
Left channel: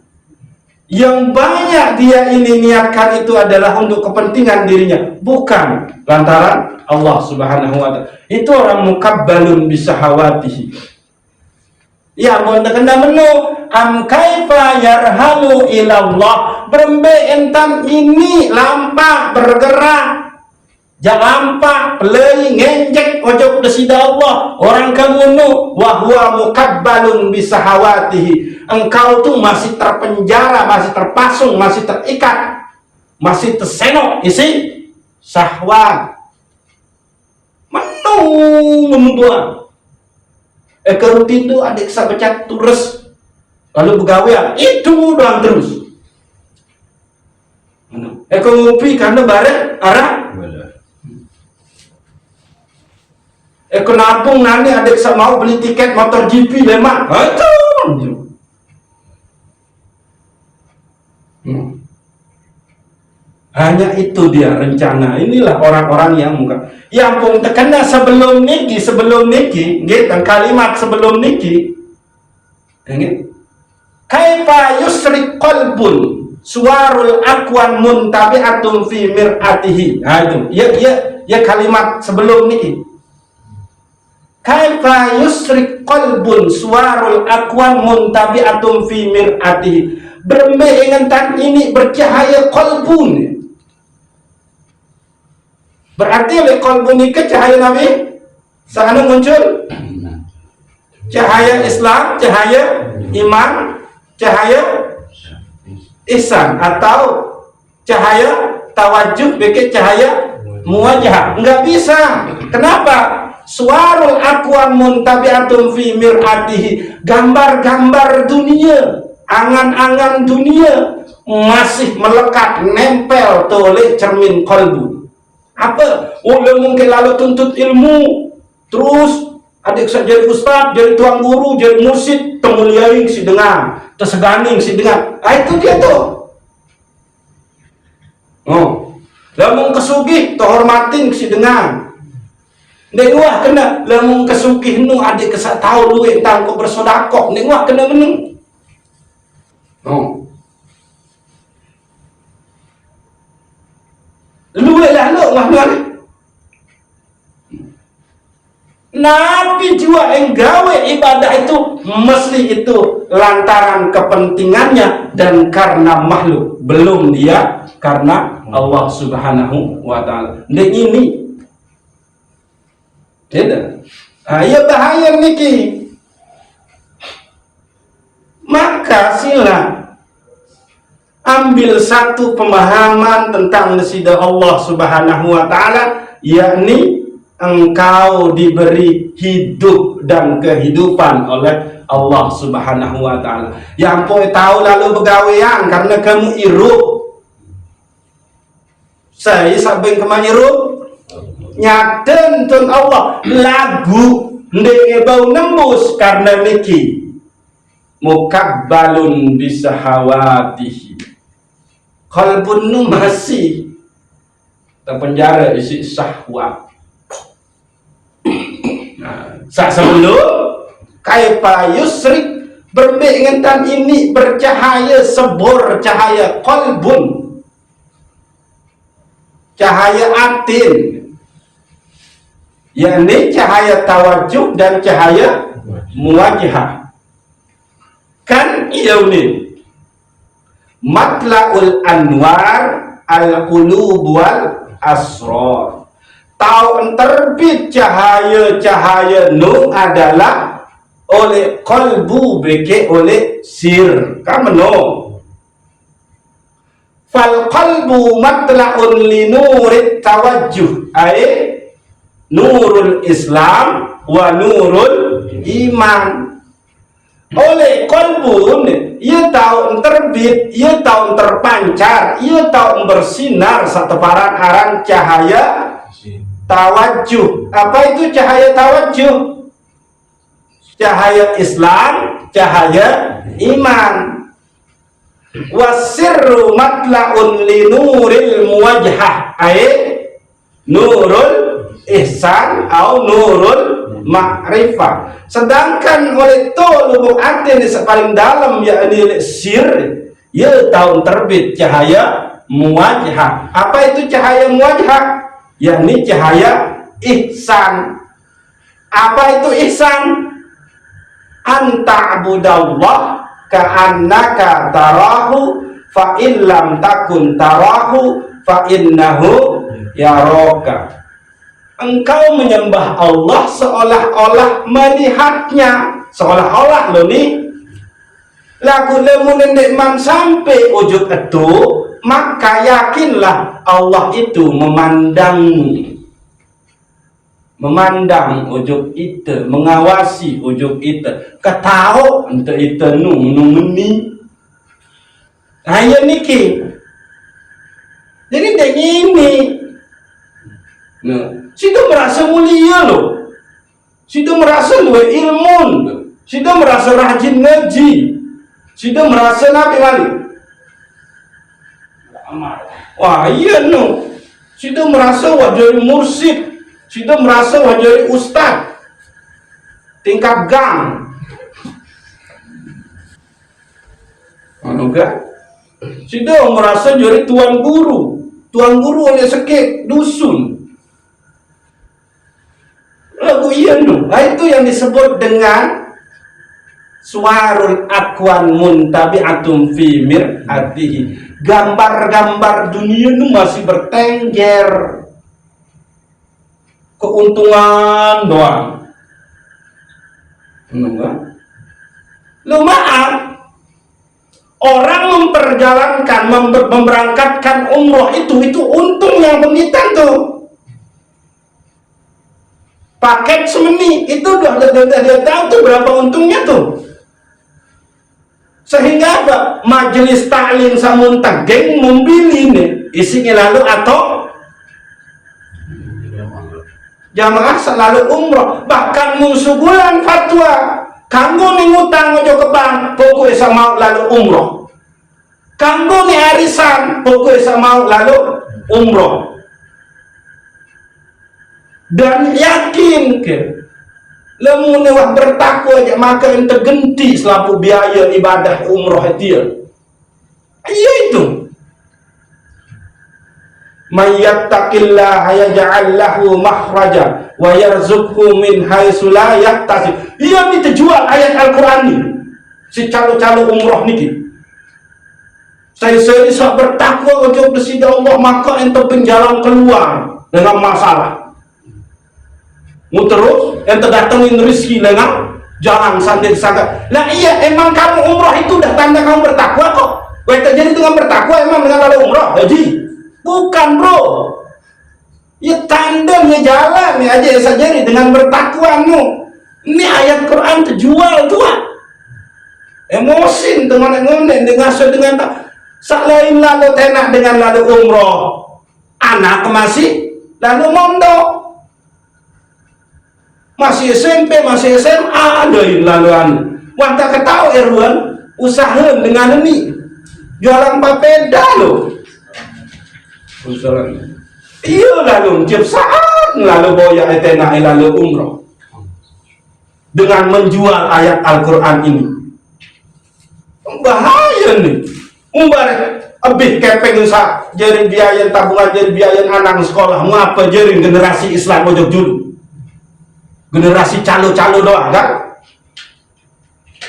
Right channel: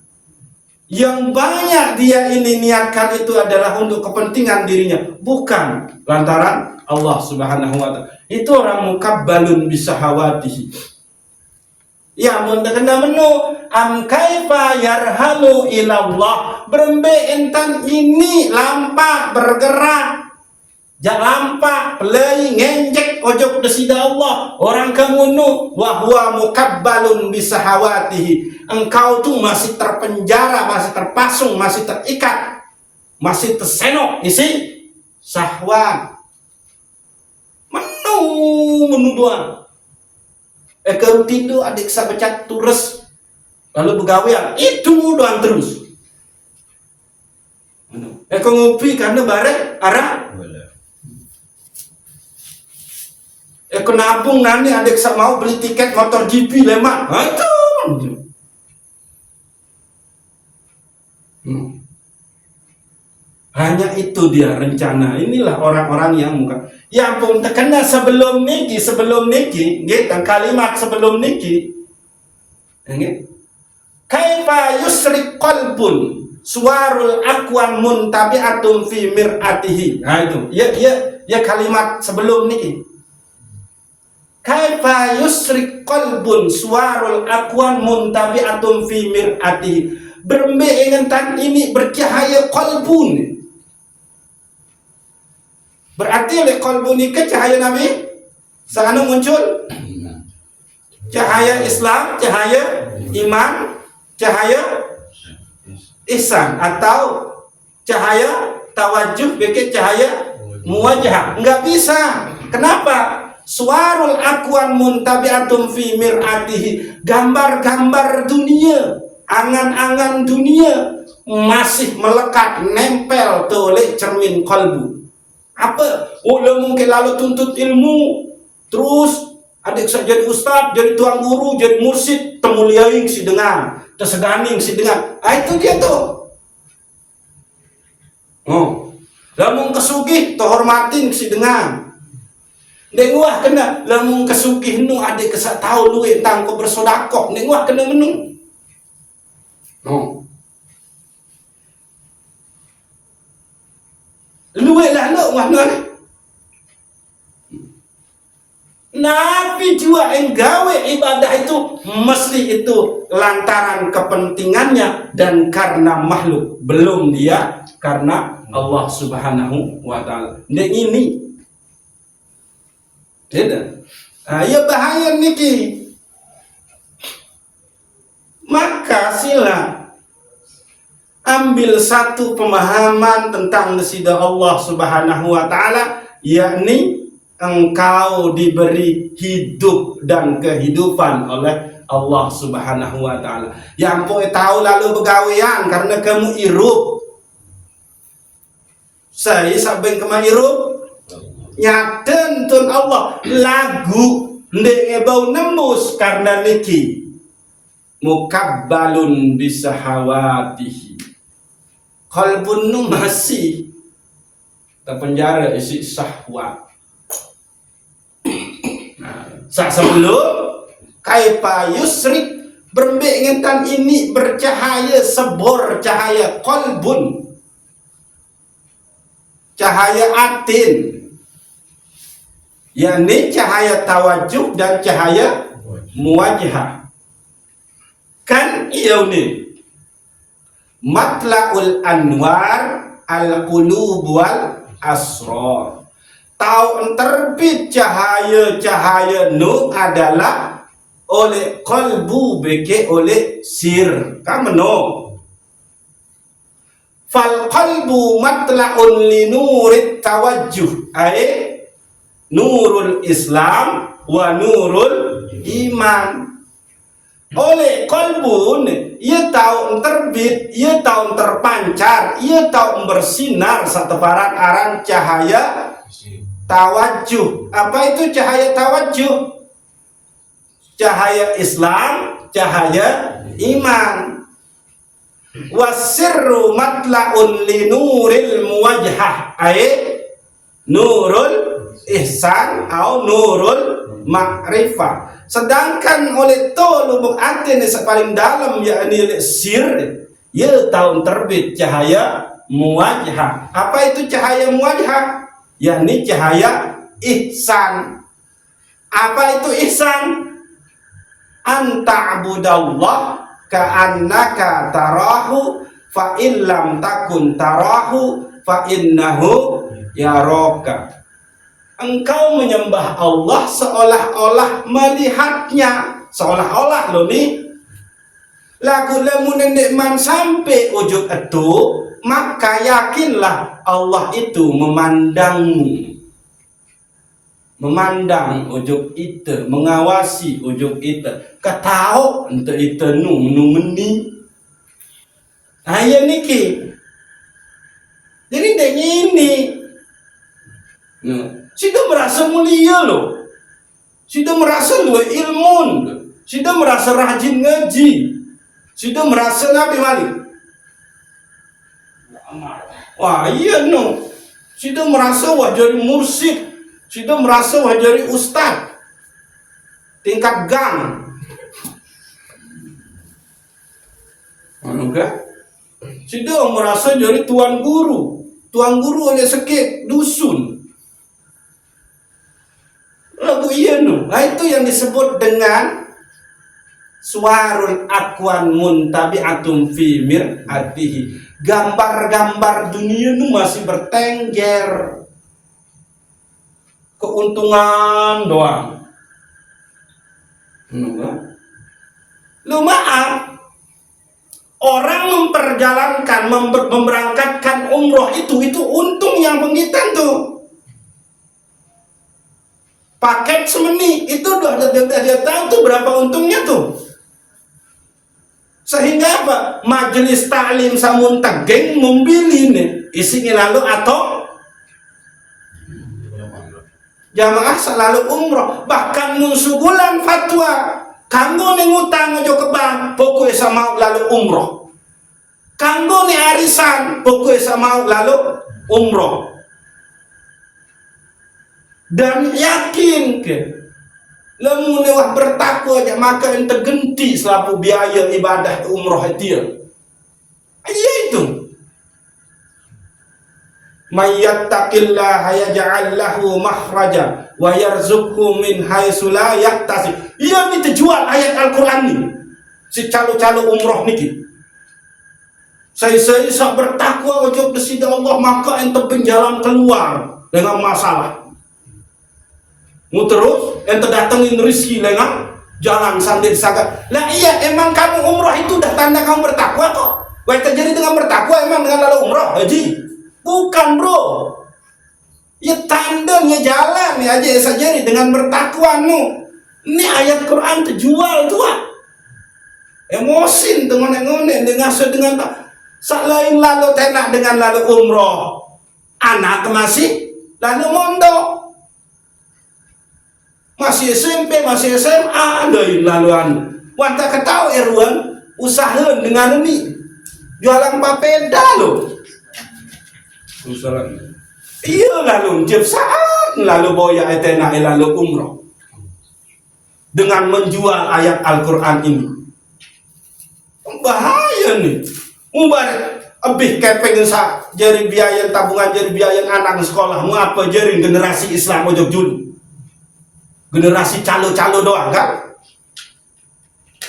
Yang banyak dia ini niatkan itu adalah untuk kepentingan dirinya, bukan lantaran Allah Subhanahu wa ta'ala. Itu orang mukabbalun bisahawatihi. Ya mau kena menu am kaifa yarhalu ilallah. Berembe entam ini lampa bergerak. Jalampa pelai ngenjek ojok desida Allah. Orang kamu nu wahwa mukabbalun bisahawatihi. Engkau tuh masih terpenjara, masih terpasung, masih terikat, masih tersenok isi syahwat. Menu doang. Kalau tidur adik sabecat turus lalu begawean itu doang terus. Kalau ngopi karena bareng arah. Nabung nanti adik mau beli tiket motor GP lemak. Hanya itu dia rencana. Inilah orang-orang yang pun terkena sebelum niki, gitu, kalimat sebelum niki. Kaifa yusrik qalbun suwarul aqwan muntabi'atun fi mir'atihi. Nah itu, ya kalimat sebelum niki. Kaifa yusrik qalbun suwarul aqwan muntabi'atun fi mir'atihi. Berembe ingetan ini bercahaya qalbun. Berarti oleh qalbun ini cahaya Nabi sana muncul cahaya Islam, cahaya iman, cahaya ihsan atau cahaya tawajuh, bikin cahaya muwajah. Enggak bisa. Kenapa? Suwarul aqwan muntabi'atun fi mir'atihi. Gambar-gambar dunia, angan-angan dunia masih melekat, nempel oleh cermin qalbu. Apa? Udah mungkin lalu tuntut ilmu, terus adik saya jadi ustaz, jadi tuang guru, jadi mursyid, temuliaing si dengan, terseganing si dengan. Itu dia tuh. Lamun kesugih, terhormatin si dengan. Nengwah kena, lamun kesugih nu adik kesak tahu lu entang kau bersodakok, nengwah kena menung. Luwelah lu mahluan. Nabi juga yang gawe ibadah itu mesti itu lantaran kepentingannya dan karena makhluk, belum dia karena Allah Subhanahu wa ta'ala. Dan ini tidak. Ya bahaya niki. Maka sila ambil satu pemahaman tentang nasidah Allah Subhanahu wa ta'ala, yakni engkau diberi hidup dan kehidupan oleh Allah Subhanahu wa taala. Yang poi tahu lalu begawean karena kamu irup. Saya sampai kemana irup? Nyaten tun Allah lagu ndek bau nembus karena niki mukabbalun bisahawatihi. Qalbun nu masih terpenjara isi syahwat. Nah, sebelum kaifa yusrik berbengentan ini bercahaya sebor cahaya qalbun, cahaya atin, yakni cahaya tawajuh dan cahaya muwajahah. Kan ini matla'ul anwar al-qulub wal asrar. Tahu terbit cahaya-cahaya nu adalah oleh qalbu beke oleh sir. Kameno fal qalbu matla'un li nurit tawajjuh ay nurul Islam wa nurul iman. Oleh qalbun ia tahu terbit, ia tahu terpancar, ia tahu bersinar seteparan aran cahaya tawajuh. Apa itu cahaya tawajuh? Cahaya Islam, cahaya iman. Wasirru matla'un li nuril muwajhah ay nurul ihsan atau nurul ma'rifah. Sedangkan oleh to lubuk hati ini paling dalam yakni oleh sir, ia tahun terbit cahaya muwajhah. Apa itu cahaya muwajhah? Yakni cahaya ihsan. Apa itu ihsan? Anta abudallah ka'annaka tarahu fa illam takun tarahu fa innahu yaraka. Engkau menyembah Allah seolah-olah melihatnya, seolah-olah lo nih lagu lemunin man sampai ujung itu, maka yakinlah Allah itu memandang ujung itu, mengawasi ujung itu, ketahu untuk itu meni. Ayo niki, jadi dengan ini. Sudah merasa mulia loh, sudah merasa ilmu, sudah merasa rajin ngaji, sudah merasa Nabi Malik. Wah iya no, sudah merasa wajari mursyid, sudah merasa wajari ustad, tingkat gang. Anugerah, sudah merasa jadi tuan guru oleh sekek dusun. Lagu iya no. Nah itu yang disebut dengan suarul akwan muntabi'atum fi mir'atihi. Gambar-gambar dunia itu masih bertengger, keuntungan doang. Enggak? Lu maaf, orang memperjalankan, memberangkatkan umroh itu untungnya pendidikan tuh. Paket semeni itu udah dia tahu tuh berapa untungnya tuh. Sehingga apa? Majelis taklim samun tegeng membeli nih isinya lalu atau jamaah selalu umroh. Bahkan musuh bulan fatwa kanggo nih ngutang ojo ke bank pokoknya sama lalu umroh. Kanggo nih arisan pokoknya sama lalu umroh. Dan yakin ke lemune wah bertakwa aja maka yang tergenti selaku biaya ibadah umroh dia. Ayo itu. Mayyattaqillaha yaj'al lahu makhraja wa yarzuqhu min haitsu la yahtasib. Iya kita jual ayat Al-Qur'an ini. Si calo-calo umroh niki. Saya bisa bertakwa untuk bersida Allah maka ente penjalan keluar dengan masalah. Terus ente datengin rezeki lengah jalan santai sangat. Nah iya emang kamu umroh itu udah tanda kamu bertakwa kok. Kau terjadi dengan bertakwa emang dengan ada umroh, haji? Bukan bro. Ya tanda ngejalan ya aja saja dengan bertakwamu. Ini ayat Quran terjual tua. Emosi teman ngonen dengan lain lalu tenak dengan lalu umroh. Anak masih lalu mondok. Masih SMP, masih SMA, lalu wanta ketahu Erwan usaha dengan ini jualan papeda lo. Usaha. Iya lalu tiap saat lalu boya etena lalu umroh dengan menjual ayat Al-Quran ini. Bahaya nih. Umbar lebih kepeng sa jadi biaya tabungan, jadi biaya anak sekolah, ngapa jadi generasi Islam ojok dulu. Generasi calo-calo doang kan?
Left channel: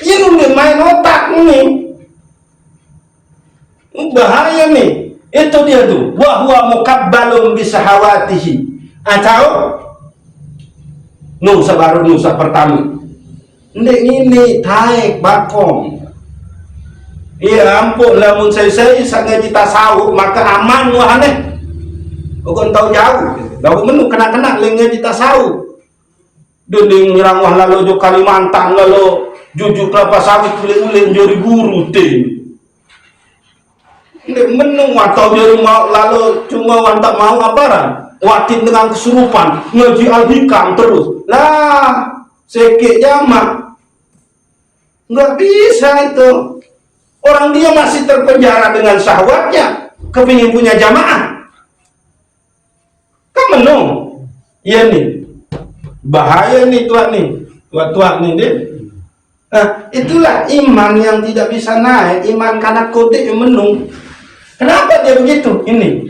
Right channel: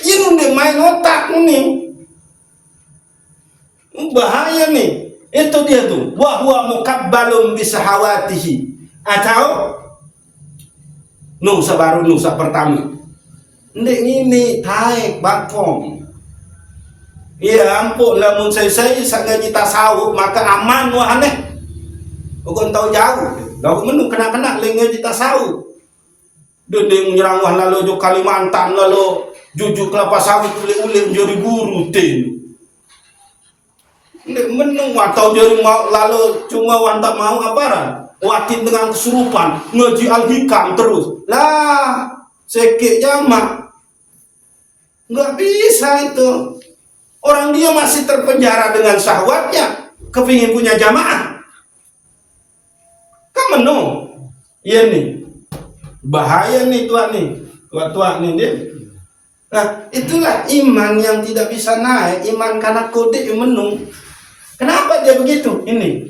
Ini udah main otak nih. Bahaya nih. Itu dia tuh. Wa huwa mukabbalun bisahawatihi. Atau nusa baru nusa pertama. Ini taik bakong. Iya ampun, lamun saya sangat kita sahur maka aman wahane. Bukan tahu jauh. Lalu menu kena-kena lengnya kita sahur. Dending nyerang wah lalu jo Kalimantan lalu jujuk kelapa sawit ule-ule jadi guru tin. Nggak menung atau jadi mau lalu cuma wantak mau aparan watin dengan kesurupan ngaji al-hikam terus lah sekit jamak nggak bisa itu. Orang dia masih terpenjara dengan syahwatnya kepingin punya jamaah kan menung. Iya nih bahaya nih tua nih dia. Nah itulah iman yang tidak bisa naik, iman karena kode yang menung. Kenapa dia begitu? Ini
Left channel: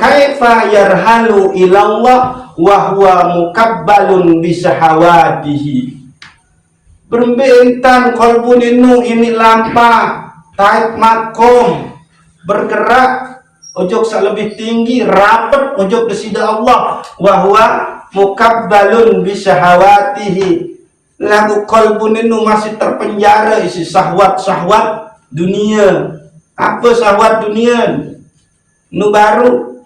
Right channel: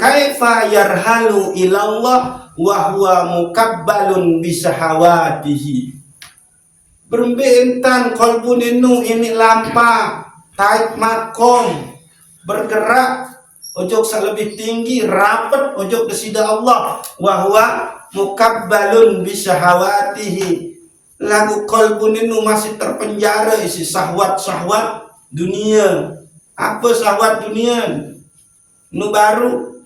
kaifa yarhalu ilallah wa huwa mukabbalun bisahawatihi. Berbentan kolbun ini lampa taik makom bergerak ojok lebih tinggi rapet ojok desida Allah wa huwa mukabbalun bisahawatihi. Lagu kolbun ini masih terpenjara isi syahwat dunia. Apa syahwat dunia? Nu baru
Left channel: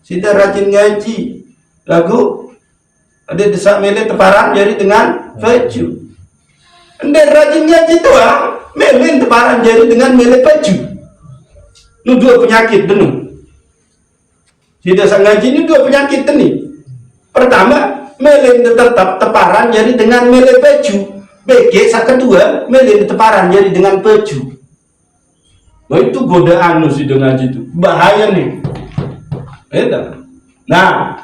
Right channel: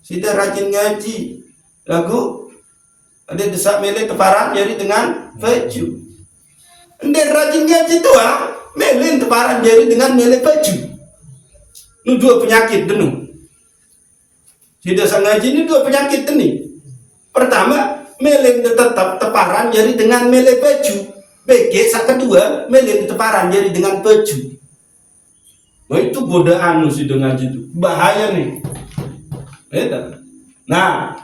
sida rajin ngaji lagu ada desa mele teparan jari dengan baju. Anda rajin ngaji tu mele teparan jari dengan mele baju. Nu dua penyakit denu. Sida sang ngaji ini dua penyakit ini. Pertama, mele tetap teparan jari dengan mele baju. BG sak kedua, mele teparan jari dengan baju. Nah itu godaan nu sida ngaji itu. Bahaya nih. Nah,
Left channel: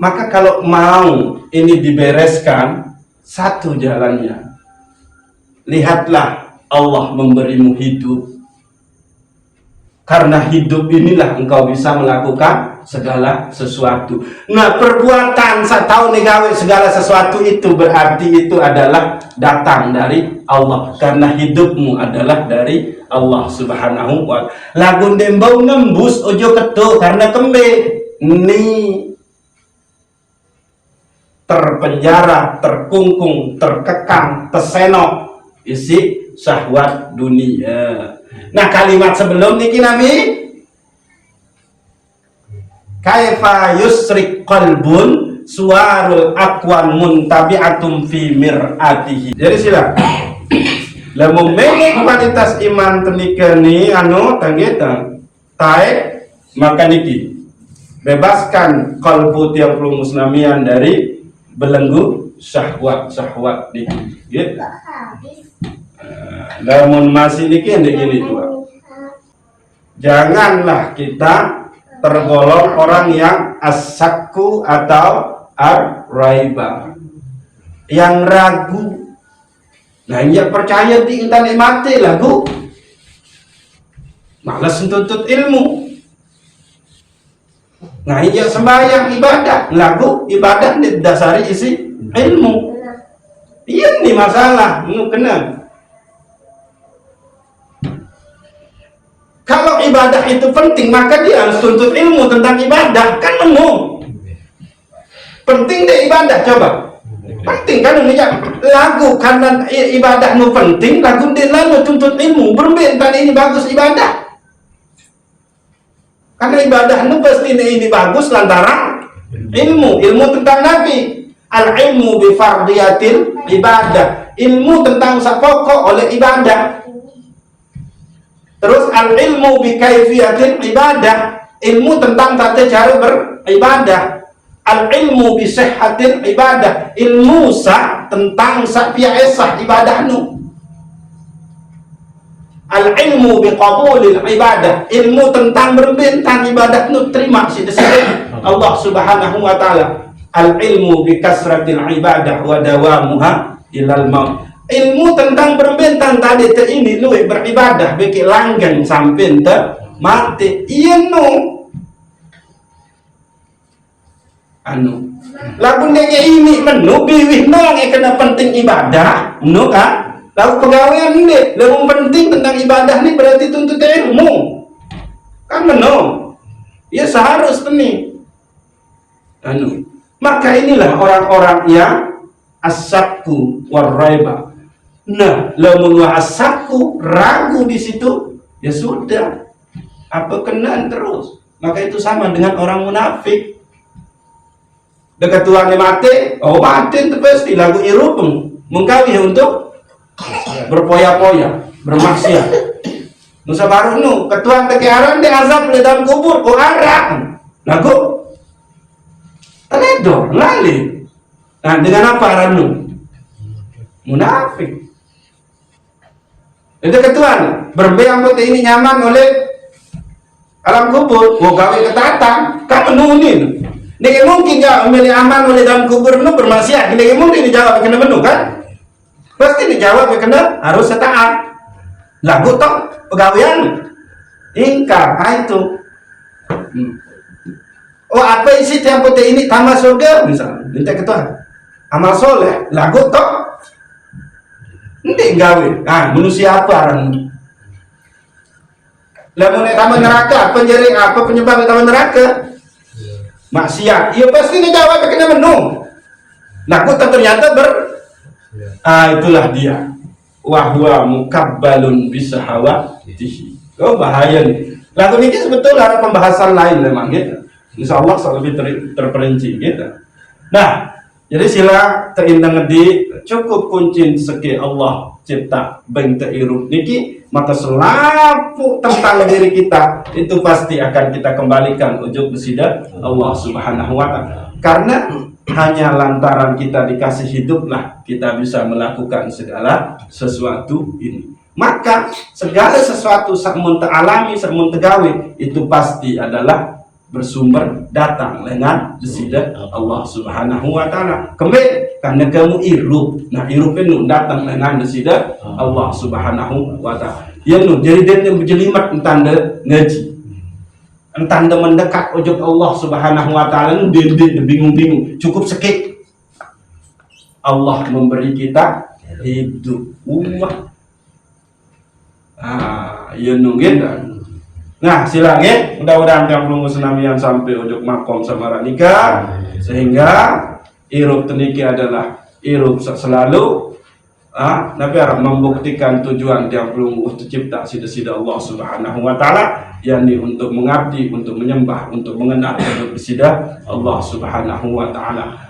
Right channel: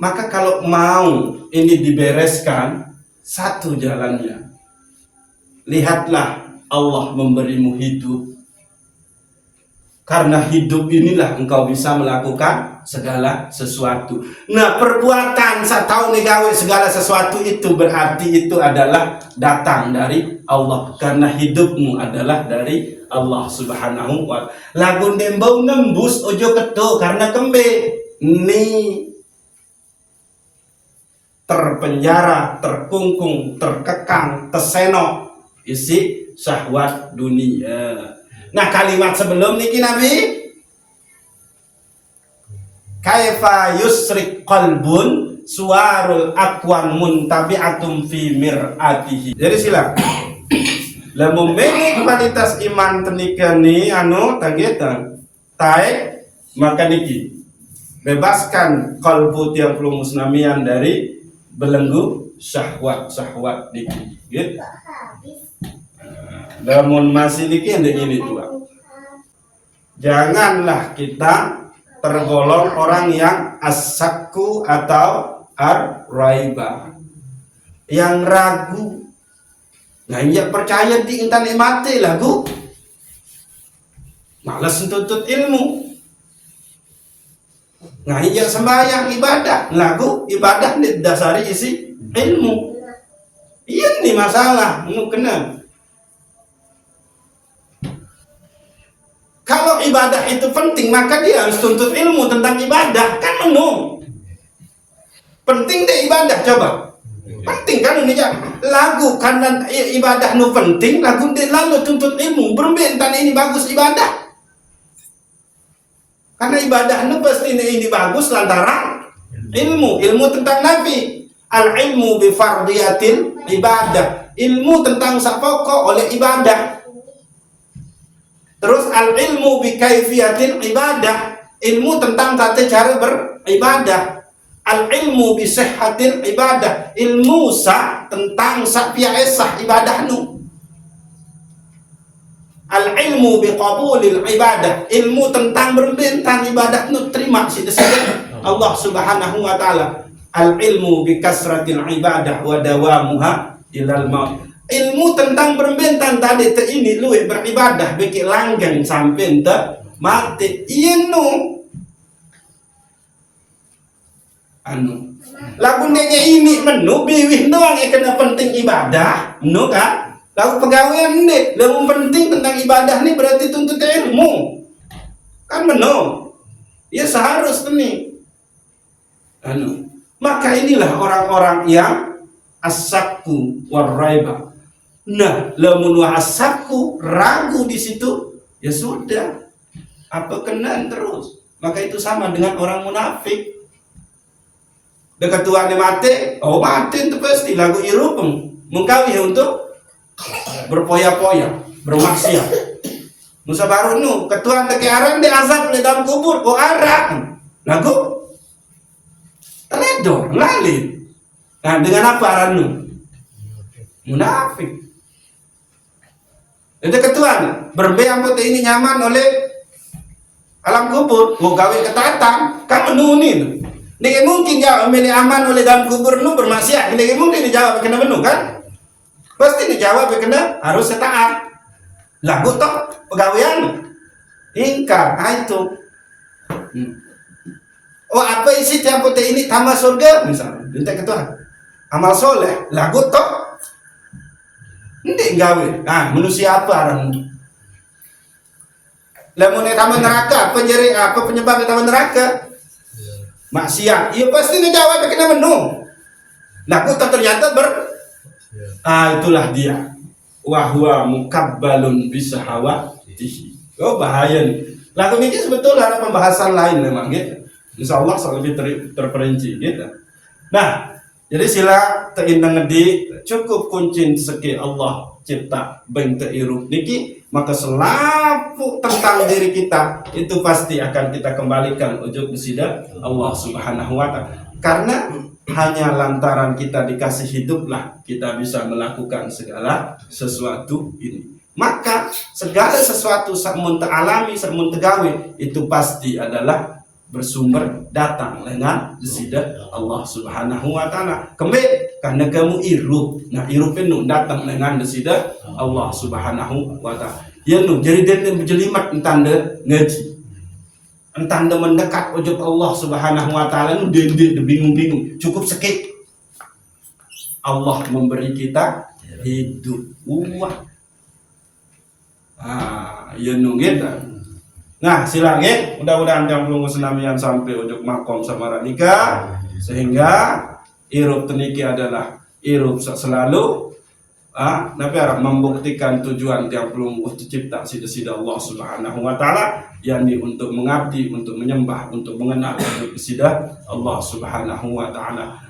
maka kalau mau ini dibereskan, satu jalannya. Lihatlah Allah memberimu hidup. Karena hidup inilah engkau bisa melakukan segala sesuatu. Nah perbuatan satau negawe segala sesuatu itu berarti itu adalah datang dari Allah. Karena hidupmu adalah dari Allah subhanahu wa ta'ala. Lagun dembau nembus ojo ketu karena kembe. Nih terpenjara, terkungkung, terkekang, tersenok isi syahwat dunia. Nah kalimat sebelum niki Nabi kaifa yusrik qalbun suwarul akwan muntabi'atum fi mir'atihi. Jadi sila lamun menge kualitas iman tenika ni tanggeta taek maka niki bebaskan kalbu tiang perlu musnamian dari belenggu syahwat niki gitu. Namun masih niki ini tua. Janganlah kita tergolong orang yang asakku atau ar-raiba, yang ragu. Nah yang percaya di internet mati lagu malas tuntut ilmu. Nah yang sembahyang ibadah lagu ibadah didasari isi ilmu. Iya nih masalah kena. Kalau ibadah itu penting, maka dia harus tuntut ilmu tentang ibadah. Kan menu penting deh ibadah, coba. Penting kan ini ya. Lagu karena ibadah nu penting, lagu dia lalu tuntut ilmu. Berbentan ini bagus ibadah. Karena ibadah nu pasti ini bagus lantaran ilmu tentang Nabi. Al-ilmu bi fardiyatil ibadah, ilmu tentang sapokok oleh ibadah. Terus al-ilmu bi kaifiyatil ibadah, ilmu tentang tata cara beribadah. Al-ilmu bi sihhatil ibadah, ilmu tentang biasa ibadah nu. Al-ilmu bi qabulil ibadah, ilmu tentang berbentang ibadah nu terima Allah Subhanahu wa taala. Al-ilmu bi kasratil ibadah wa dawamuha ilal maut, ilmu tentang berbentang tadi ini luwe beribadah beki langgeng sampai mati. Iya nu lagu nege ini menu biwih doang yang kena penting ibadah nu kan. Lalu pegawaian ini lebih penting tentang ibadah ini berarti tuntut ilmu kan menu. Ya seharusnya nih maka inilah orang-orang yang as-sakku war-raiba. Nah, lamun as-sakku ragu di situ, ya sudah. Apa kena terus? Maka itu sama dengan orang munafik. Dekat Tuhan mati, mati itu pasti lagu irupeng mengkawih untuk berpoya-poya, bermaksiat. Nusa baru nu, ketuan teki aran di azab di dalam kubur, kok aran. Lagu teledor, lali. Nah, dengan apa aranu? Munafik. Itu ketuan berbeang putih ini nyaman oleh alam kubur. Gawe ketatan, kan menunin. Nih mungkin ya memilih aman oleh dalam kubur nu bermaksiat. Nih mungkin dijawab kena menu kan? Pasti dijawab kena harus taat. Lagu toh pegawaian ingkar itu. Apa isi tiap putih ini tambah surga misalnya, minta ketua amal soleh lagu toh nanti gawe. Manusia apa orang lamun tambah neraka penjari apa penyebab tambah neraka maksiat. Iya pasti ngejawab kena menu lagu toh ternyata itulah dia wahwa mukabbalun bisahawatihi. Bahaya nih lagu ini sebetulnya ada pembahasan lain memang gitu. Insya Allah lebih terperinci gitu. Nah, jadi sila terindang di cukup kunci seki Allah cipta beng teirup niki, maka selapu tentang diri kita itu pasti akan kita kembalikan ujuk besida Allah Subhanahu wa taala. Karena hanya lantaran kita dikasih hiduplah kita bisa melakukan segala sesuatu ini. Maka segala sesuatu samun alami, samun tegawi itu pasti adalah bersumber datang dengan desida Allah Subhanahu wa taala. Kembali karena kamu irup. Nah, irup itu datang dengan desida Allah Subhanahu wa taala. Ya nu jadi dia berjelimat entanda ngaji. Entanda mendekat ujung Allah Subhanahu wa taala nu dia bingung-bingung. Cukup sekit. Allah memberi kita hidup. Ya nu gitu. Nah, silang ya, mudah-mudahan kamu senamian sampai ujung makom sama nikah sehingga irup teniki adalah irup selalu Nabi harap membuktikan tujuan tiap belum tercipta sida-sida Allah Subhanahu wa taala yakni untuk mengabdi, untuk menyembah, untuk mengenal, untuk bersida Allah Subhanahu wa taala.